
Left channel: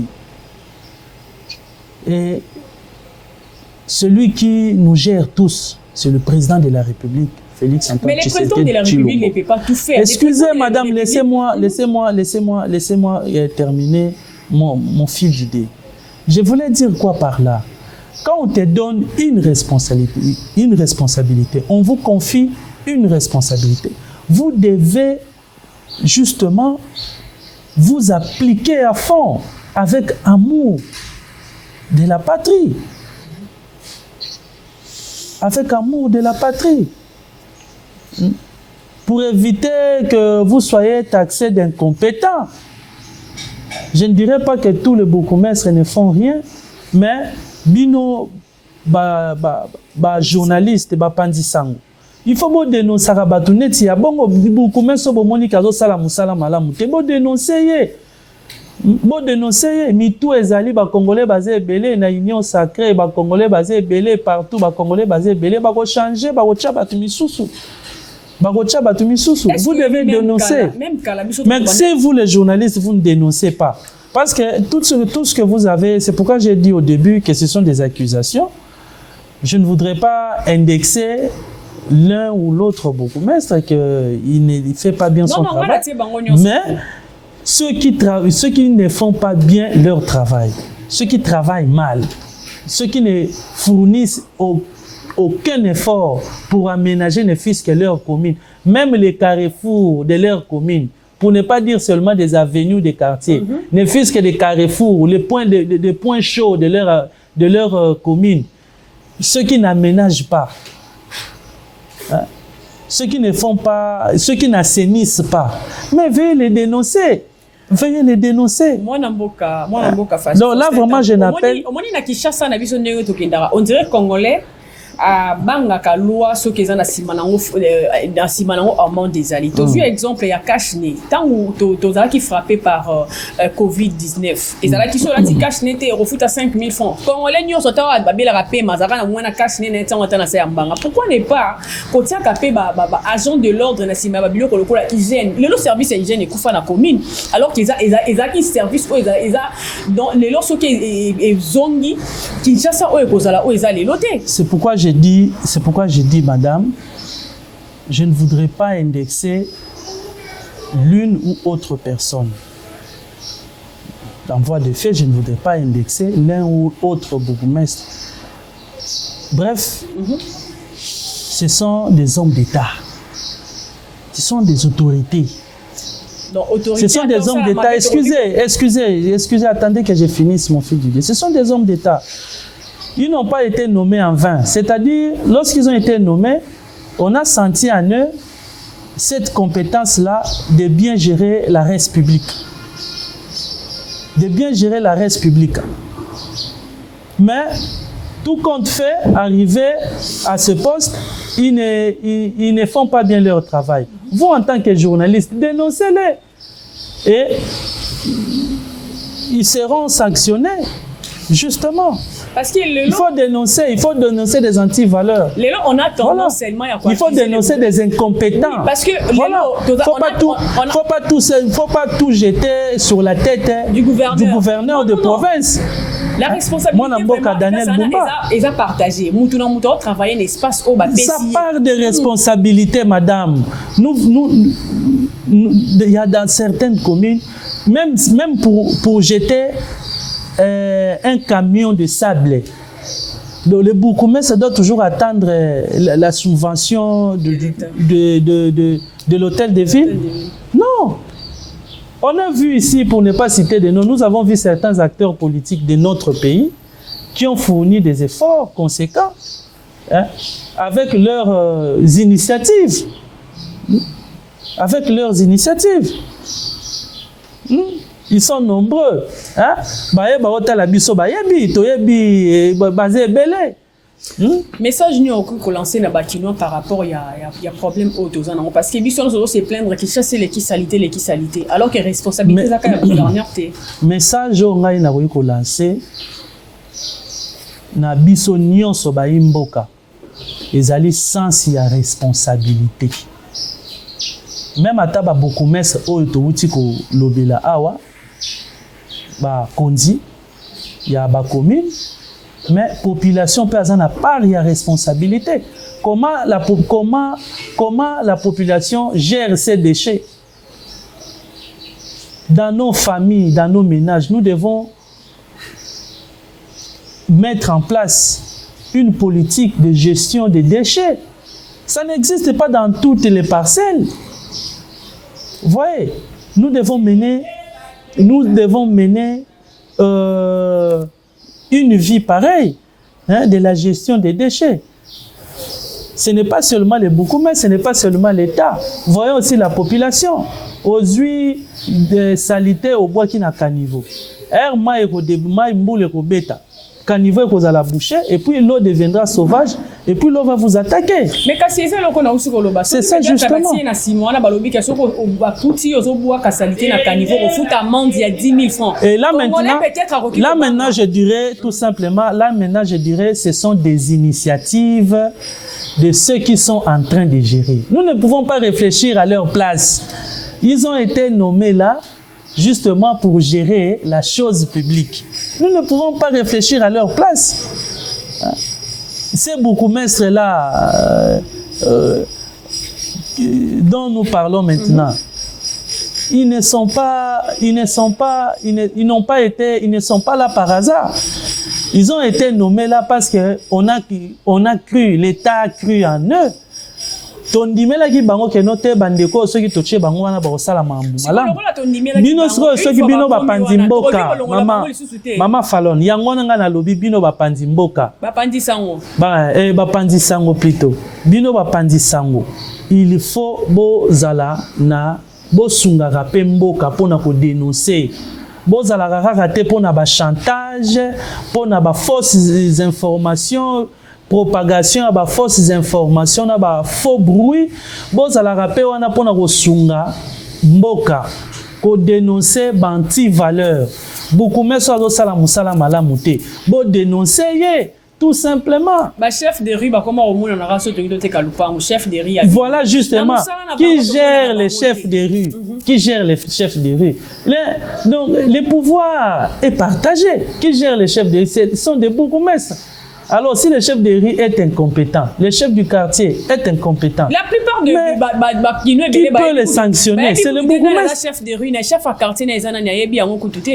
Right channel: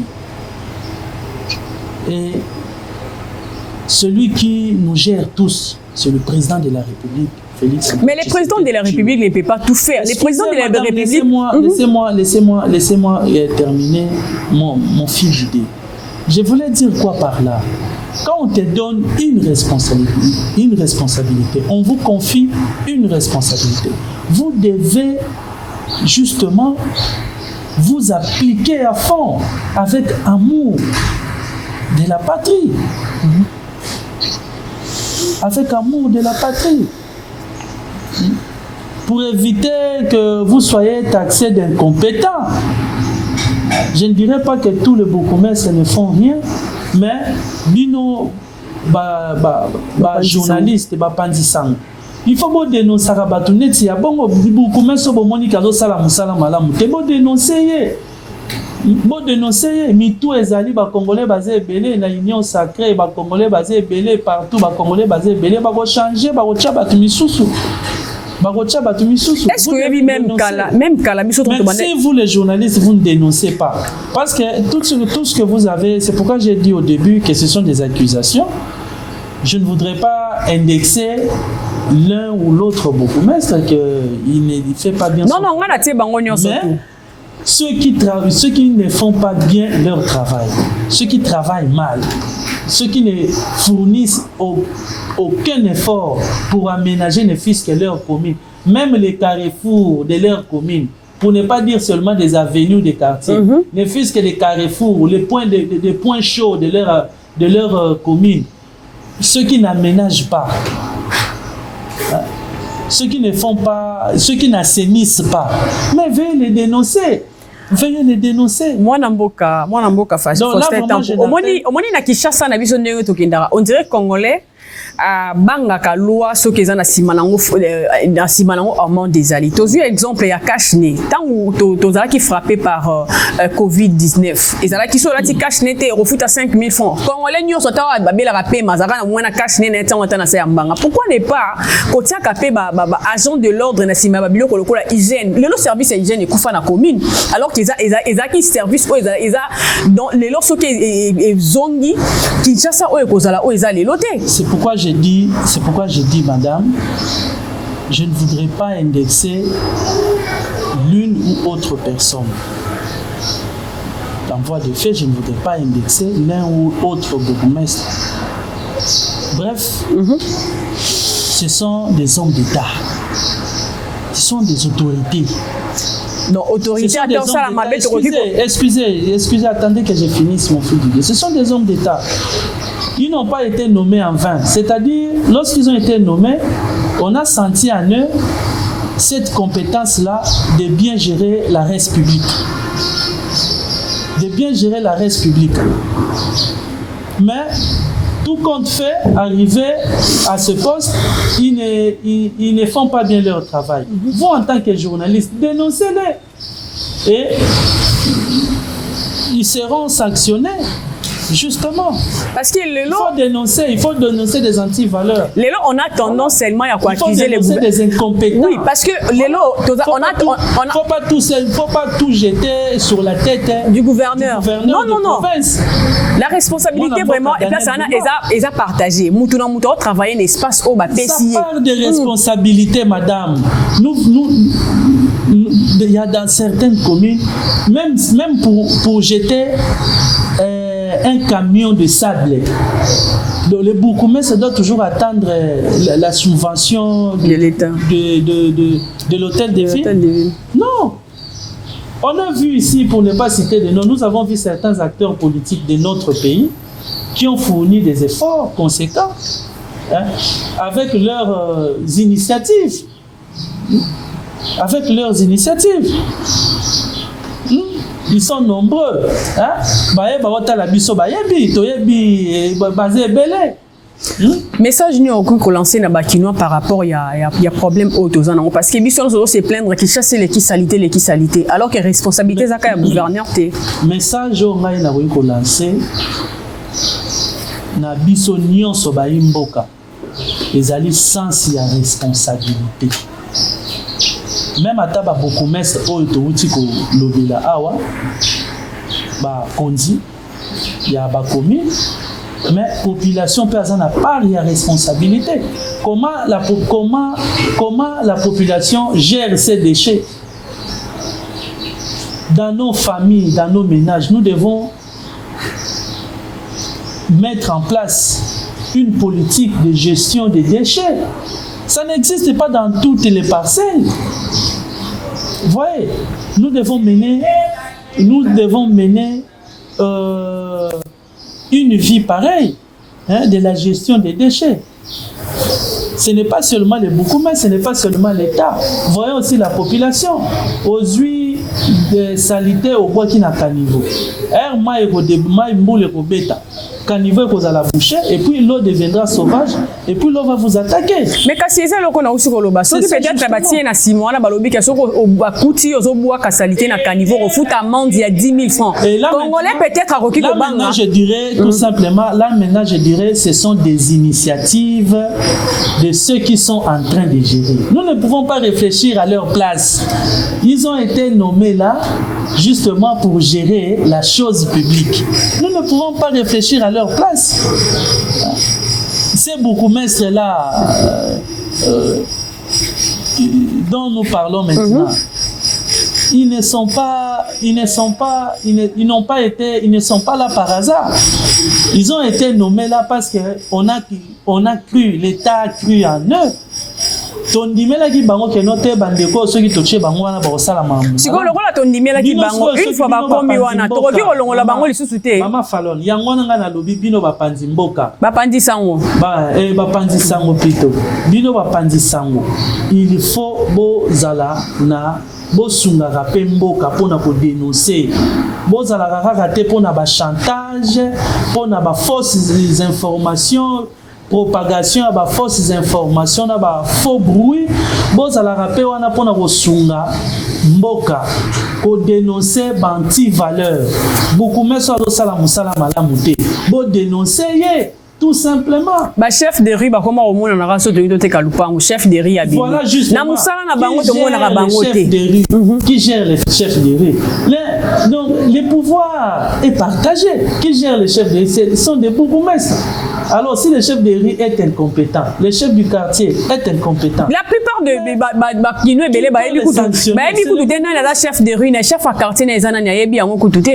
Et celui qui nous gère tous, c'est le président de la République, Félix Antoine Mais le président de la République ne peut pas tout faire. Excusez-moi, madame, laissez-moi terminer mon fil d'idée. Je voulais dire quoi par là? Quand on te donne une responsabilité, on vous confie une responsabilité. Vous devez justement vous appliquer à fond avec amour de la patrie. Avec amour de la patrie. Pour éviter que vous soyez taxé d'incompétents. Je ne dirais pas que tous les bourgmestres ne font rien, mais bino journalistes pandisang. Il faut bon dénoncer Rabatounet, il y a bon bourgmestre bomoni kazo sala musala malamu. Te bon dénoncer. Bon dénoncer, mitou ezali ba Congolais basé belé na union sacrée, ba Congolais basé belé partout, ba Congolais basé belé ba ko changer, ba ko tcha ba tumisusu. Est-ce que vous même mais si vous les journalistes vous ne dénoncez pas, parce que tout ce que vous avez, c'est pourquoi j'ai dit au début que ce sont des accusations. Je ne voudrais pas indexer l'un ou l'autre bourgmestre qu'il ne fait pas bien son travail. Mais ceux qui ne font pas bien leur travail, ceux qui travaillent mal, ceux qui ne fournissent aucun effort pour aménager ne fût-ce que leur commune, même les carrefours de leur commune, pour ne pas dire seulement des avenues des quartiers, ne fût-ce que des carrefours, les points des points chauds de leur commune, ceux qui n'aménagent pas, ceux qui ne font pas, ceux qui n'assainissent pas, mais veuillez les dénoncer. Veuillez les dénoncer. Moi, Namboka, fâché. Donc là, vraiment, je n'appelle... On dirait Congolais. Bangaka loi so ke na simanango amont des ali. Tu as vu exemple ya Kashne tant où tozala qui frappé par Covid-19. Ezala qui so la ti Kashne te refuta 5000 francs. Congolais nyo so tawa ba bela rapé mazaka na mwana Kashne na tant na sa mbanga. Pourquoi ne pas kotia kapé ba agent de l'ordre na sima ba biloko lokola hygiène. Le service hygiène ekufa na commune alors qu'ils a qui service ko eza dans les loso ke zongi Kinshasa o ekozala o eza les loté. C'est pourquoi je dis, madame, je ne voudrais pas indexer l'une ou autre personne. En voie de fait, je ne voudrais pas indexer l'un ou autre bourgmestre. Bref, ce sont des hommes d'État. Ce sont des autorités. Non, autorité. Ce sont des hommes d'État. Excusez, attendez que je finisse mon fil d'idée. Ce sont des hommes d'État. Ils n'ont pas été nommés en vain. C'est-à-dire, lorsqu'ils ont été nommés, on a senti en eux cette compétence-là de bien gérer la res publique. De bien gérer la res publique. Mais, tout compte fait, arrivé à ce poste, ils ne font pas bien leur travail. Vous, en tant que journaliste, dénoncez-les. Et ils seront sanctionnés. Justement, parce qu'il faut dénoncer des antivaleurs. On a tendance seulement à il faut dénoncer des incompétents. Oui, parce que faut pas tout jeter sur la tête du gouverneur de province. La responsabilité vraiment est à partager. Nous travailler un espace où ça part de responsabilité, madame. Il y a dans certaines communes, même pour jeter un camion de sable. Donc, le bourgmestre doit toujours attendre la subvention de l'hôtel de ville. Non. On a vu ici, pour ne pas citer de noms, nous avons vu certains acteurs politiques de notre pays qui ont fourni des efforts conséquents avec leurs initiatives. Ils sont nombreux. Message nous encore lancé na bakinois par rapport il y a problème autour parce que mission nous se plaindre qui chasse les qui salité alors que responsabilité za ka gouverneur té. Message ngai na ko lancer na biso nyonso ba imboka ezali sens ya responsabilité. Même à taba bourgmestre oyo touti ko lobela awa ba kondi ya ba commune mais population peut avoir part de responsabilité. Comment la population gère ses déchets dans nos familles, dans nos ménages? Nous devons mettre en place une politique de gestion des déchets. Ça n'existe pas dans toutes les parcelles. Vous voyez, nous devons mener une vie pareille de la gestion des déchets. Ce n'est pas seulement les bourgmestres, ce n'est pas seulement l'État. Voyons aussi la population. Aux huiles de salité au bois qui n'a qu'à niveau. caniveau est à la bouchée, et puis l'eau deviendra sauvage, et puis l'eau va vous attaquer. Mais quand c'est ça, l'on a aussi le bassin. C'est justement. Et là maintenant, je dirais tout simplement, là maintenant, je dirais, ce sont des initiatives de ceux qui sont en train de gérer. Nous ne pouvons pas réfléchir à leur place. Ils ont été nommés là justement pour gérer la chose publique. Nous ne pouvons pas réfléchir à leur place. Ces bourgmestres là dont nous parlons maintenant, ils ne sont pas là par hasard. Ils ont été nommés là parce que on a cru, l'État a cru en eux. Tondimela ki bango ke note bandeko ceux qui touché bango wana ba osala mamu. Siko lokola tondimela ki bango une fois ba komi wana to ko longola bango lisusu te. Mama Falon yango nga na lobi bino ba pandi mboka. Ba pandi sango. Ba pandi sango plutôt. Bino ba pandi sango. Il faut bozala na bosungaka pe mboka pona ko dénoncer. Bozala kaka te pona ba chantage, pona ba fausses informations. Propagation à fausses informations, à faux bruit, bon ça la rappelle on a pour na sunga mboka ko dénoncer banti valeur beaucoup mais ça do sala musala malamuté bon dénoncer tout simplement. Bah chef de rue, bah comment au moins on a rassé de l'idée kalupa ou chef de rue. Voilà justement. Qui gère les chefs de rue. Donc le pouvoir est partagé. Qui gère les chefs de rue? Ce sont des bourgmestres. Alors si le chef de rue est incompétent, le chef du quartier est incompétent. La plupart de qui peut les sanctionner? C'est le chef de rue, le chef à quartier,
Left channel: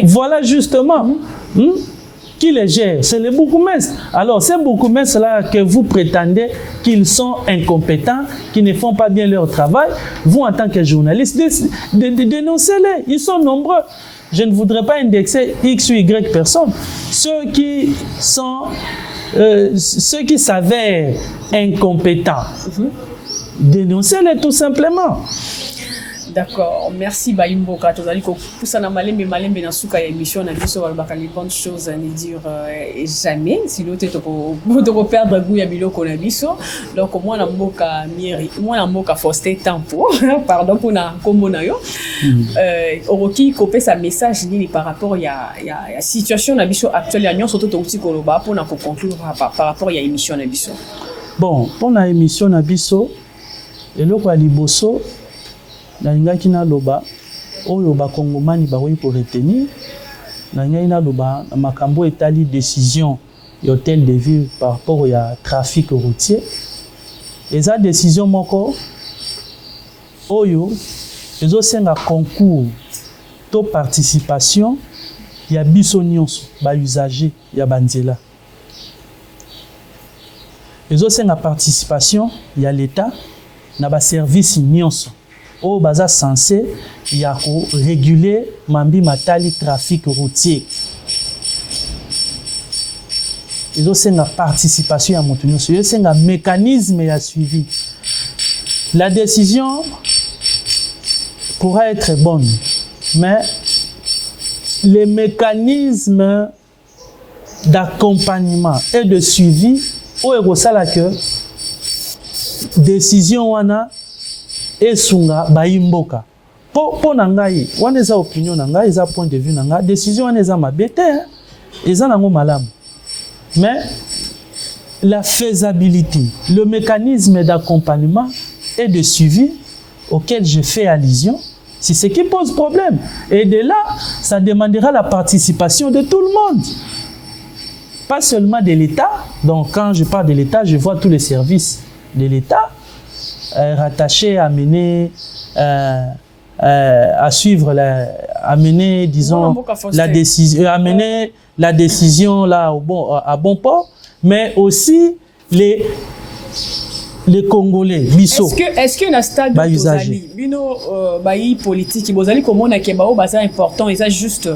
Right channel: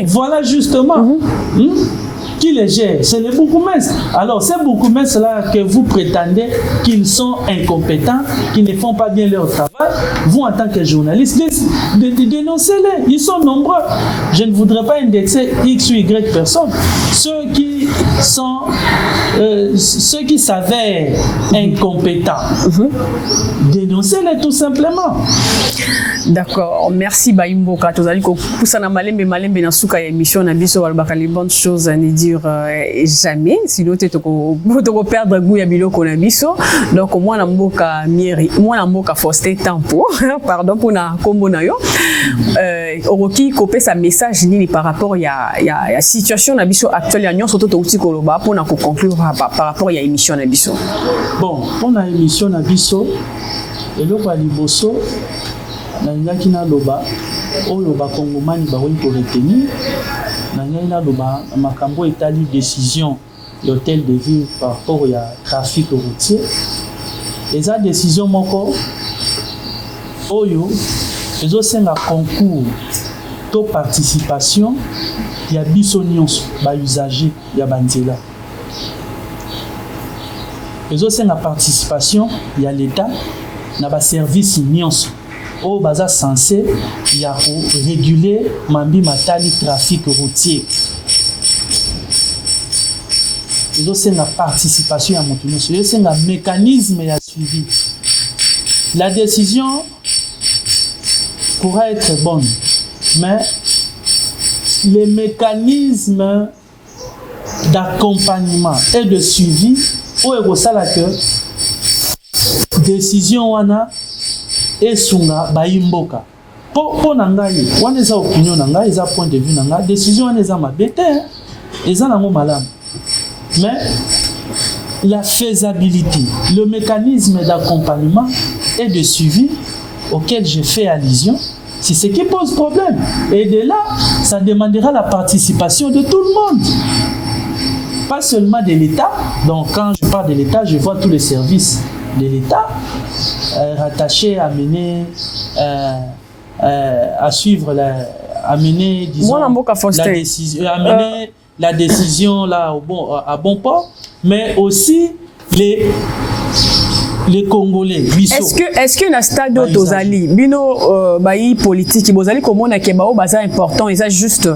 voilà justement. Qui les gère? C'est les bourgmestres. Alors, ces bourgmestres-là que vous prétendez qu'ils sont incompétents, qu'ils ne font pas bien leur travail, vous, en tant que journaliste, dénoncez-les. Ils sont nombreux. Je ne voudrais pas indexer X ou Y personnes. Ceux qui s'avèrent incompétents, dénoncez-les tout simplement. D'accord, merci Baïmboka. Tu as dit que Poussana Malembe na souka émission na biso balbaka les bonnes choses à ne dire jamais sinon tu vas perdre goût ya biloko na biso. Donc moi na mboka mieri, moi na mboka Faustin Tampo, pardon pour na kombo na yo. Oroki kopé sa message ni par rapport ya situation na biso actuelle ya nyonso to ti koloba pour na conclure par rapport ya émission na biso. Bon, pour na émission na biso eloko ya liboso nangaki na loba oyo bakongomani bakoki koretenir nangaki na loba makambo etali décision d'hôtel de ville par rapport ya trafic routier eza décision moko oyo ezosenga concours to participation ya biso nyonso ba usager ya banzela ezosenga participation ya l'État na ba service nyonso au baza censé ya ko réguler mambi matali trafic routier. Ils ont une participation à monter, ils ont un mécanisme à suivi. La décision pourra être bonne, mais les mécanismes d'accompagnement et de suivi au Eurosala que décision wana esunga baimboka po na ngai wana eza opinion na ngai eza point de vue na ngai décision wana eza mabete eza nango malamu mais la faisabilité le mécanisme d'accompagnement et de suivi auquel je fais allusion c'est ce qui pose problème et de là ça demandera la participation de tout le monde pas seulement de l'État donc quand je parle de l'État je vois tous les services de l'État rattaché à mener à suivre à mener disons la décision à mener la décision là à bon port mais aussi les Congolais biso est-ce que na stade d'Ozali bino bayi politique bozali komona ke bao baza important et ça juste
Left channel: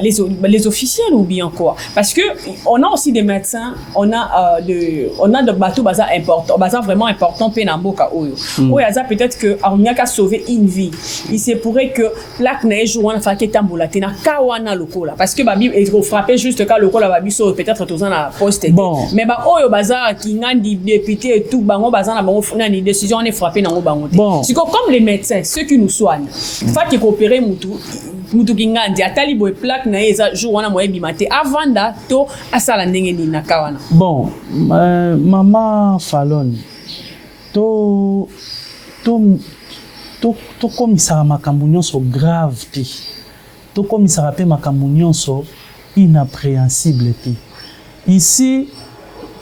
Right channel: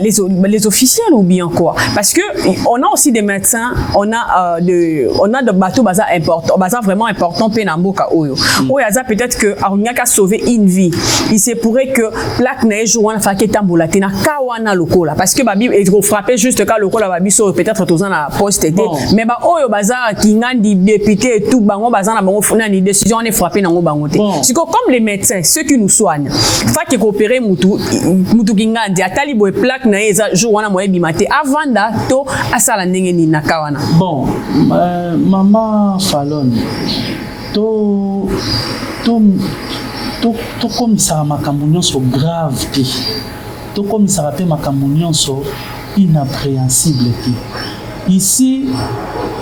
les officiels ou bien quoi? Parce que on a aussi des médecins, on a de bateaux bazar important, bazar vraiment important penamboka oyo. Oyaza peut-être que on a sauver une vie. Il se pourrait que plaque neige ou on a fait tambola tina kawana lokola parce que babi est frappé juste quand lokola babi so peut-être tozan la poste mais ba oyo bazar qui n'a di député et tout bango bazar na bango funa ni décision on est frappé na bango te. C'est comme les médecins, ceux qui nous soignent. Ça qui coopérer mutu kingandi atali boy plaque na eza jour wana moye bimate avant da to asala ndenge ni na kawana. Bon, maman Fallon, to comme ça makambo nyonso grave te. To comme ça rappelle makambo nyonso inappréhensible te. Ici,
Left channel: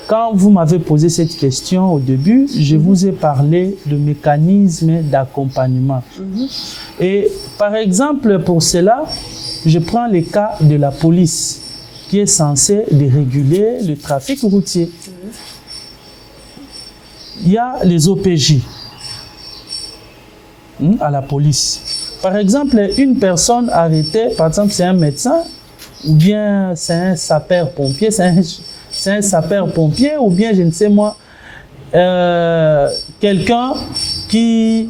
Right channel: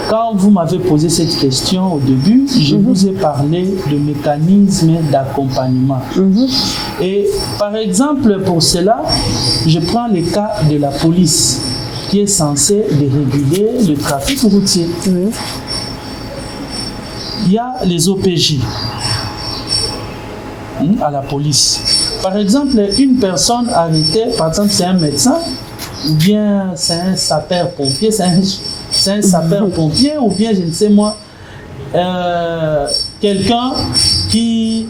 quand vous m'avez posé cette question au début, je vous ai parlé de mécanismes d'accompagnement. Et par exemple, pour cela, je prends le cas de la police qui est censée réguler le trafic routier. Il y a les OPJ à la police. Par exemple, une personne arrêtée, par exemple, c'est un médecin, ou bien c'est un sapeur-pompier, c'est un sapeur-pompier, ou bien, je ne sais moi, quelqu'un qui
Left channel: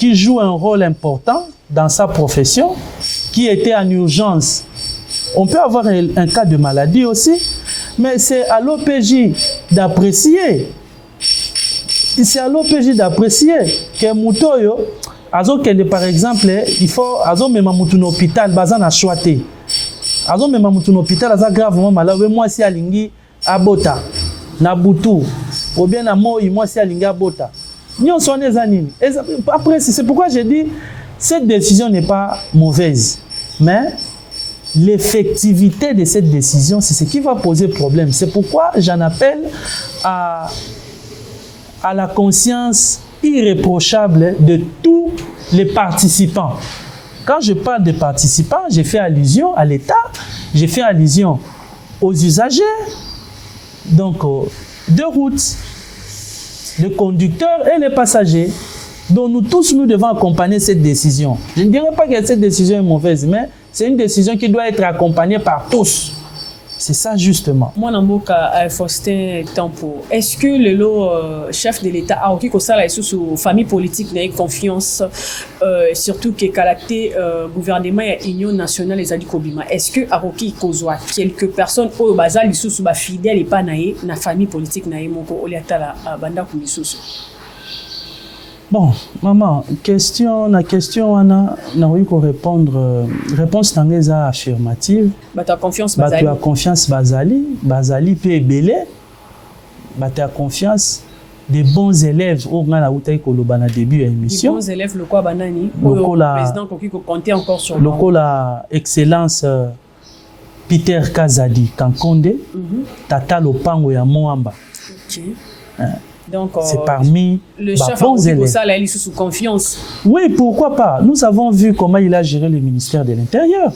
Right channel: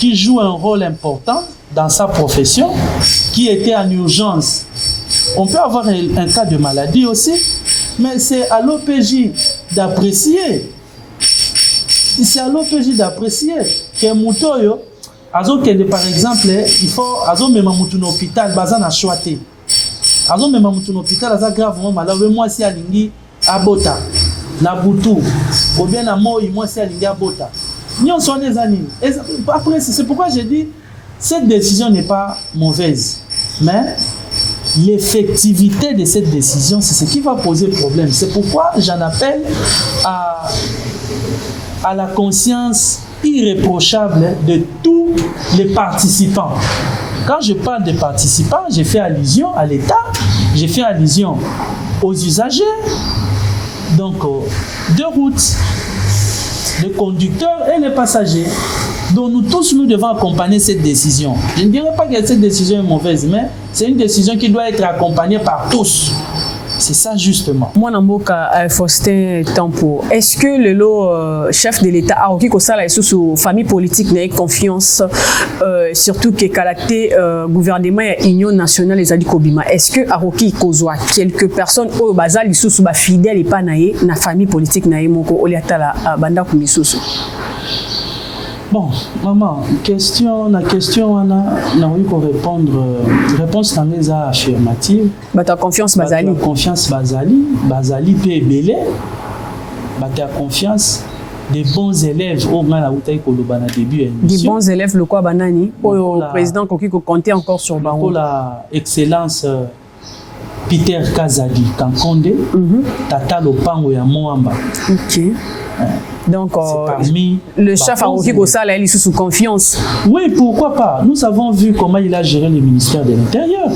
joue un rôle important dans sa profession, qui était en urgence. On peut avoir un cas de maladie aussi, mais c'est à l'OPJ d'apprécier. C'est à l'OPJ d'apprécier que Moutoyo, par exemple, il faut même à l'hôpital, bazan a choité. Même à l'hôpital, ça gravement malade. Moi, c'est à Lingi, à Bota, na Boutou, ou bien à Moi, c'est à Lingi, à Bota. Nous sommes des animaux. Après, c'est pourquoi j'ai dit cette décision n'est pas mauvaise, mais l'effectivité de cette décision, c'est ce qui va poser problème. C'est pourquoi j'en appelle à la conscience irréprochable de tous les participants. Quand je parle des participants, j'ai fait allusion à l'État, j'ai fait allusion aux usagers, donc de route, les conducteurs et les passagers. Donc nous tous, nous devons accompagner cette décision. Je ne dirais pas que cette décision est mauvaise, mais c'est une décision qui doit être accompagnée par tous. C'est ça justement. Moi, Namboka Faustin Tampo, est-ce que le chef de l'État a aussi sous famille politique n'a confiance, surtout que caractère gouvernement et union nationale les ali Kobima. Est-ce que Aroki Kozwa quelques personnes au basal sous fidèles et pas naïe na famille politique naïe moko oliata la banda kumisousu. Bon, maman, la question, on a répondre. Réponse tangeza affirmative. Ta confiance Bazali. Ta confiance Bazali peut belé. Ta confiance des bons élèves au moins la bouteille ko lobana début émission. Des bons élèves le quoi banani. Le président Koki ko compter encore sur bango. La excellence Peter Kazadi Kankonde. Tata Lopango ya Moamba. OK. Donc, c'est parmi le chef Aroki Kosala, il est sous confiance. Oui, pourquoi pas. Nous avons vu comment il a géré le ministère de l'Intérieur.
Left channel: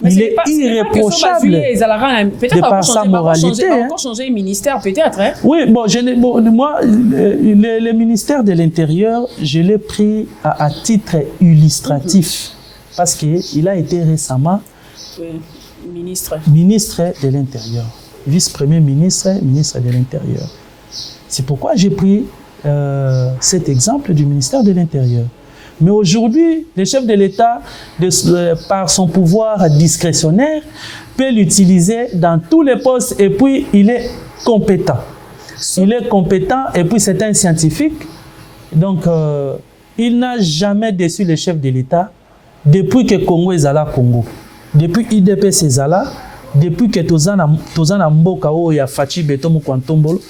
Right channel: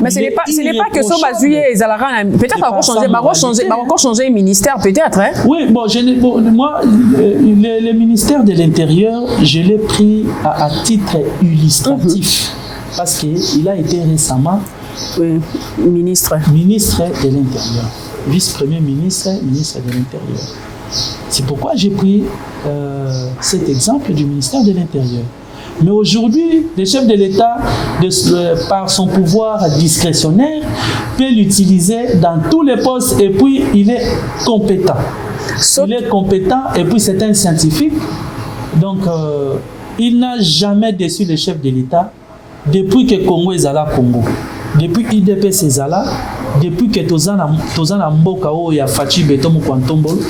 Mais ce n'est pas que son basulier, peut-être encore changer le ministère, peut-être. Hein? Oui, bon, moi, le ministère de l'Intérieur, je l'ai pris à titre illustratif. Parce qu'il a été récemment ministre de l'Intérieur. Vice-premier ministre de l'Intérieur. C'est pourquoi j'ai pris cet exemple du ministère de l'Intérieur. Mais aujourd'hui, le chef de l'État, par son pouvoir discrétionnaire, peut l'utiliser dans tous les postes et puis il est compétent. Il est compétent et puis c'est un scientifique. Donc, il n'a jamais déçu le chef de l'État depuis que Congo est à la Congo. Depuis IDPS est à la depuis que Tozana Mboka o ya Fachi Betomo Kwantombolo,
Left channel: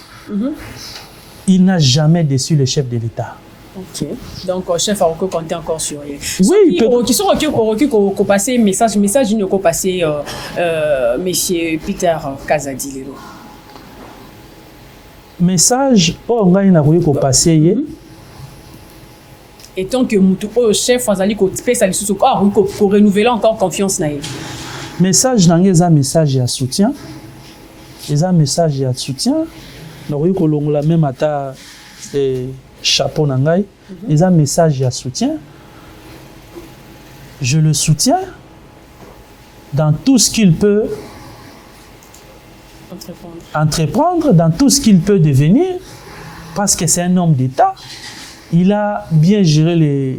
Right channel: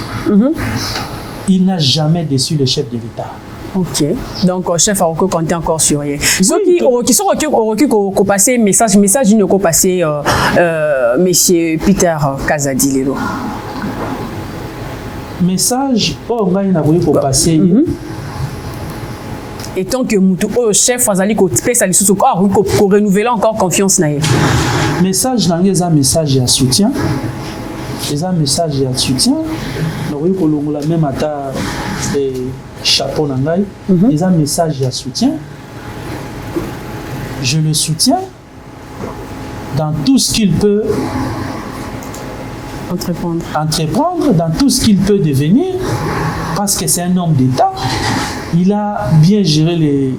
il n'a jamais déçu le chef de l'État. OK. Donc, chef a encore compté encore sur lui. Oui, qui sont au passé message d'une au passé monsieur Peter Kazadi Lelo. Message oh ngai na ko passé et tant que le chef Azali ko pesa lisusu ko renouveler encore confiance na elle. Message dans les message de soutien. Les messages de soutien. Oui, que l'on l'a même à chapeau nangai. Les messages de soutien. Je le soutiens dans tout ce qu'il peut entreprendre, dans tout ce qu'il peut devenir, parce que c'est un homme d'État. Il a bien géré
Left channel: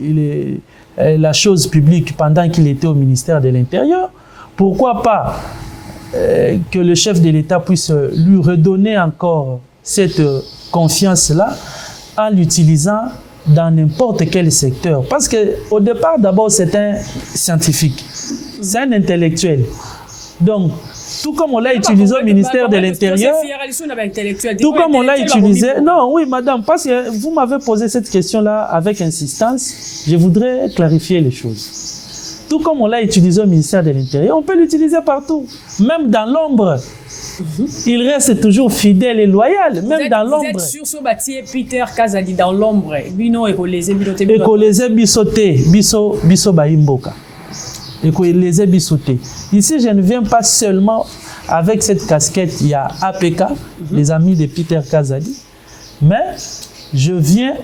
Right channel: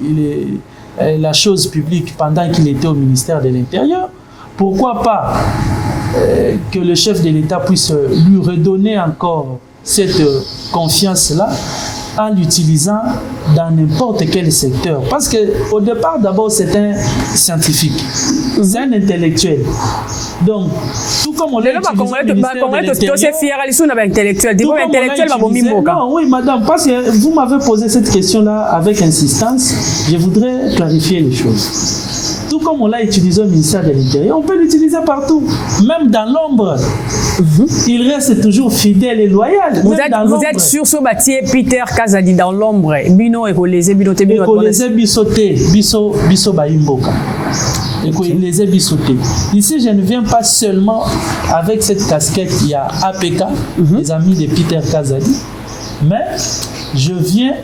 la chose publique pendant qu'il était au ministère de l'Intérieur. Pourquoi pas que le chef de l'État puisse lui redonner encore cette confiance-là en l'utilisant dans n'importe quel secteur. Parce qu'au départ, d'abord, c'est un scientifique, c'est un intellectuel. Donc, tout comme on l'a utilisé au ministère de l'Intérieur, tout comme on l'a utilisé, non, oui, madame, parce que vous m'avez posé cette question-là avec insistance, je voudrais clarifier les choses. Tout comme on l'a utilisé au ministère de l'Intérieur, on peut l'utiliser partout, même dans l'ombre. Il reste toujours fidèle et loyal. Vous êtes sur ce bâtiment Peter Kazadi dans l'ombre. Bino écolisé, bisoté, biso baimboka. Ici, je ne viens pas seulement avec cette casquette, il y a APK, les amis de Peter Kazadi, mais je viens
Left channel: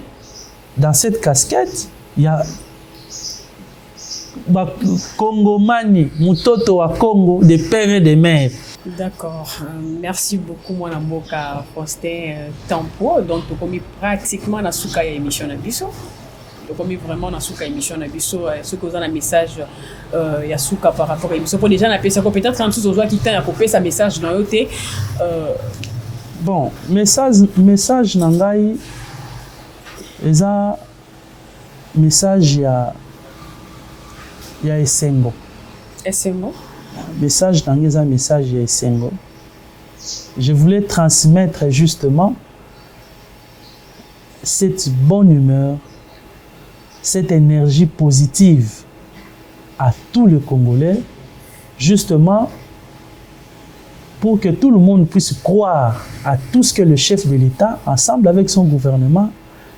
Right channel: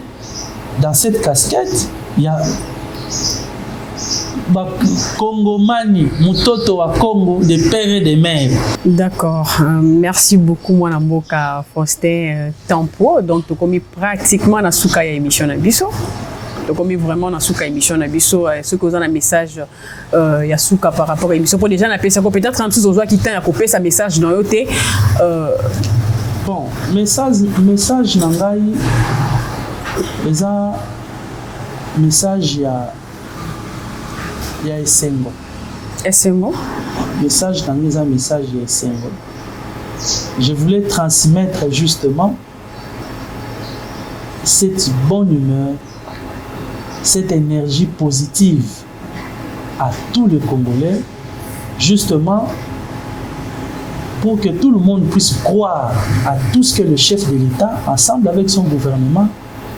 dans cette casquette, il y a Congomani, Mutoto wa Congo, des pères et des mères. D'accord. Merci beaucoup, Mwana Mboka Faustin Tampo. Donc, tu as commis pratiquement la souka émission Nabiso. Tu as commis vraiment la souka émission Nabiso. Ce que vous avez un message, il y a souka par rapport à l'émission. Pour les gens, ça peut-être un tous aux qui t'a coupé sa message dans le thé. Bon, message nangai, les a message il y a Essengo. Essengo? Message dans les message il y a Essengo. Je voulais transmettre justement cette bonne humeur, cette énergie positive à tous les Congolais, justement pour que tout le monde puisse croire à tout ce que le chef de l'État, ensemble avec son gouvernement,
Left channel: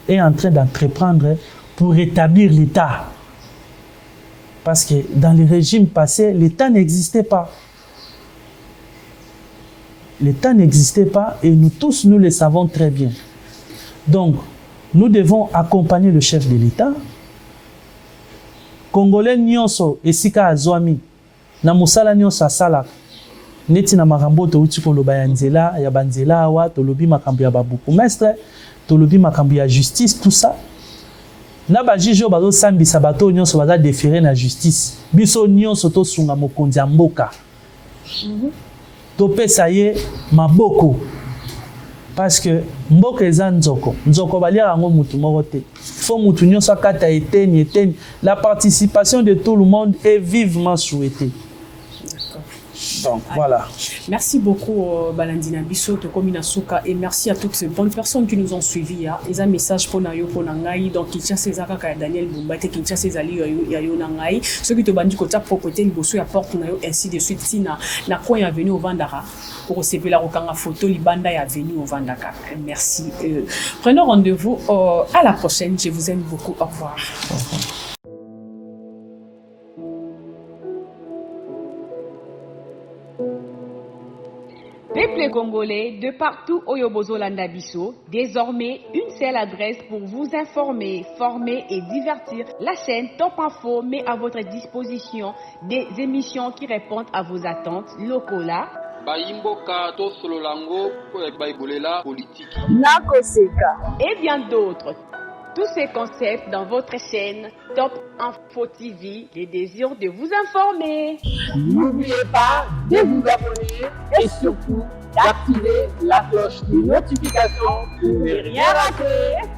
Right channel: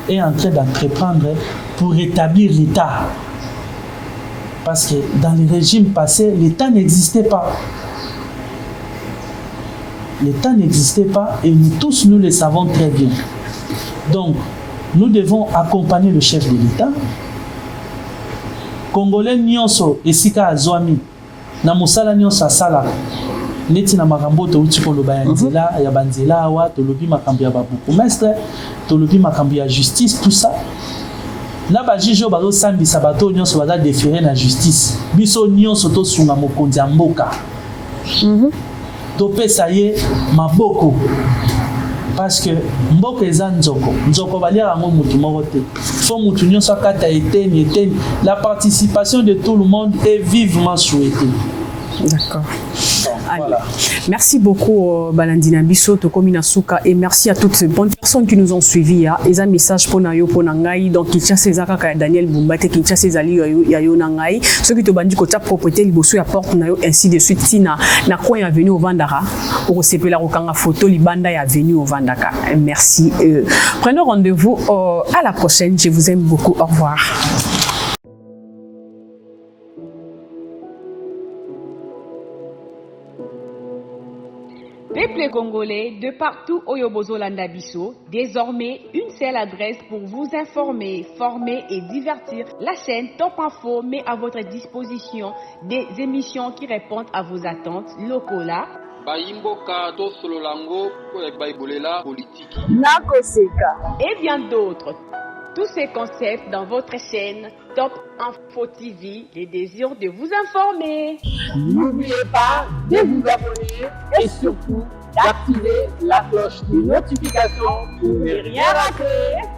est en train d'entreprendre pour rétablir l'État. Parce que dans les régimes passés, l'État n'existait pas. L'État n'existait pas et nous tous, nous le savons très bien. Donc, nous devons accompagner le chef de l'État. Congolais nyonso esika azwami na musala nyonso asala neti na makambo touti koloba ya nzela ya banzela awa tolobi makambo ya babourgmestre tolobi makambo ya justice tout ça. Na ba juge bazo sambisa bato nyonso baza déférer na justice biso nyonso to sunga mokonzi ya mboka topesa ye maboko parce que mboka eza nzoko balia yango mutu moko te fo mutu nyonso akata eteni la participation de tout le monde est vivement souhaitée. D'accord. Donc, voilà. Merci beaucoup Balandina Biso Tokomina Souka et merci à toutes ces bonnes personnes qui nous ont suivis. Ils ont un message pour Nayo pour Nangai donc Kinshasa Ezaka Daniel Bumbate Kinshasa Ezali Yayo Nangai ceux qui te bandit côté propriété Liboso ya porte Nayo ainsi de suite Tina na quoi est venu au Vandara pour recevoir la Rokanga photo Libanda est venu au Vandaka. Merci. Prenons rendez-vous à la prochaine. Je vous aime beaucoup. Au revoir. Peuple congolais de partout au Yobozolanda Bisso, désormais une seule adresse pour vous informer, former et divertir. La chaîne Top Info met à votre disposition des émissions qui répondent à vos attentes locaux là. Baimboka to sololango ko baibolela politique. Nakoseka Et bien d'autres. Tous ces concepts dans votre chaîne Top Info TV, les désirs de vous informer. N'oubliez pas de vous abonner et surtout d'activer la cloche de notification pour ne rien rater.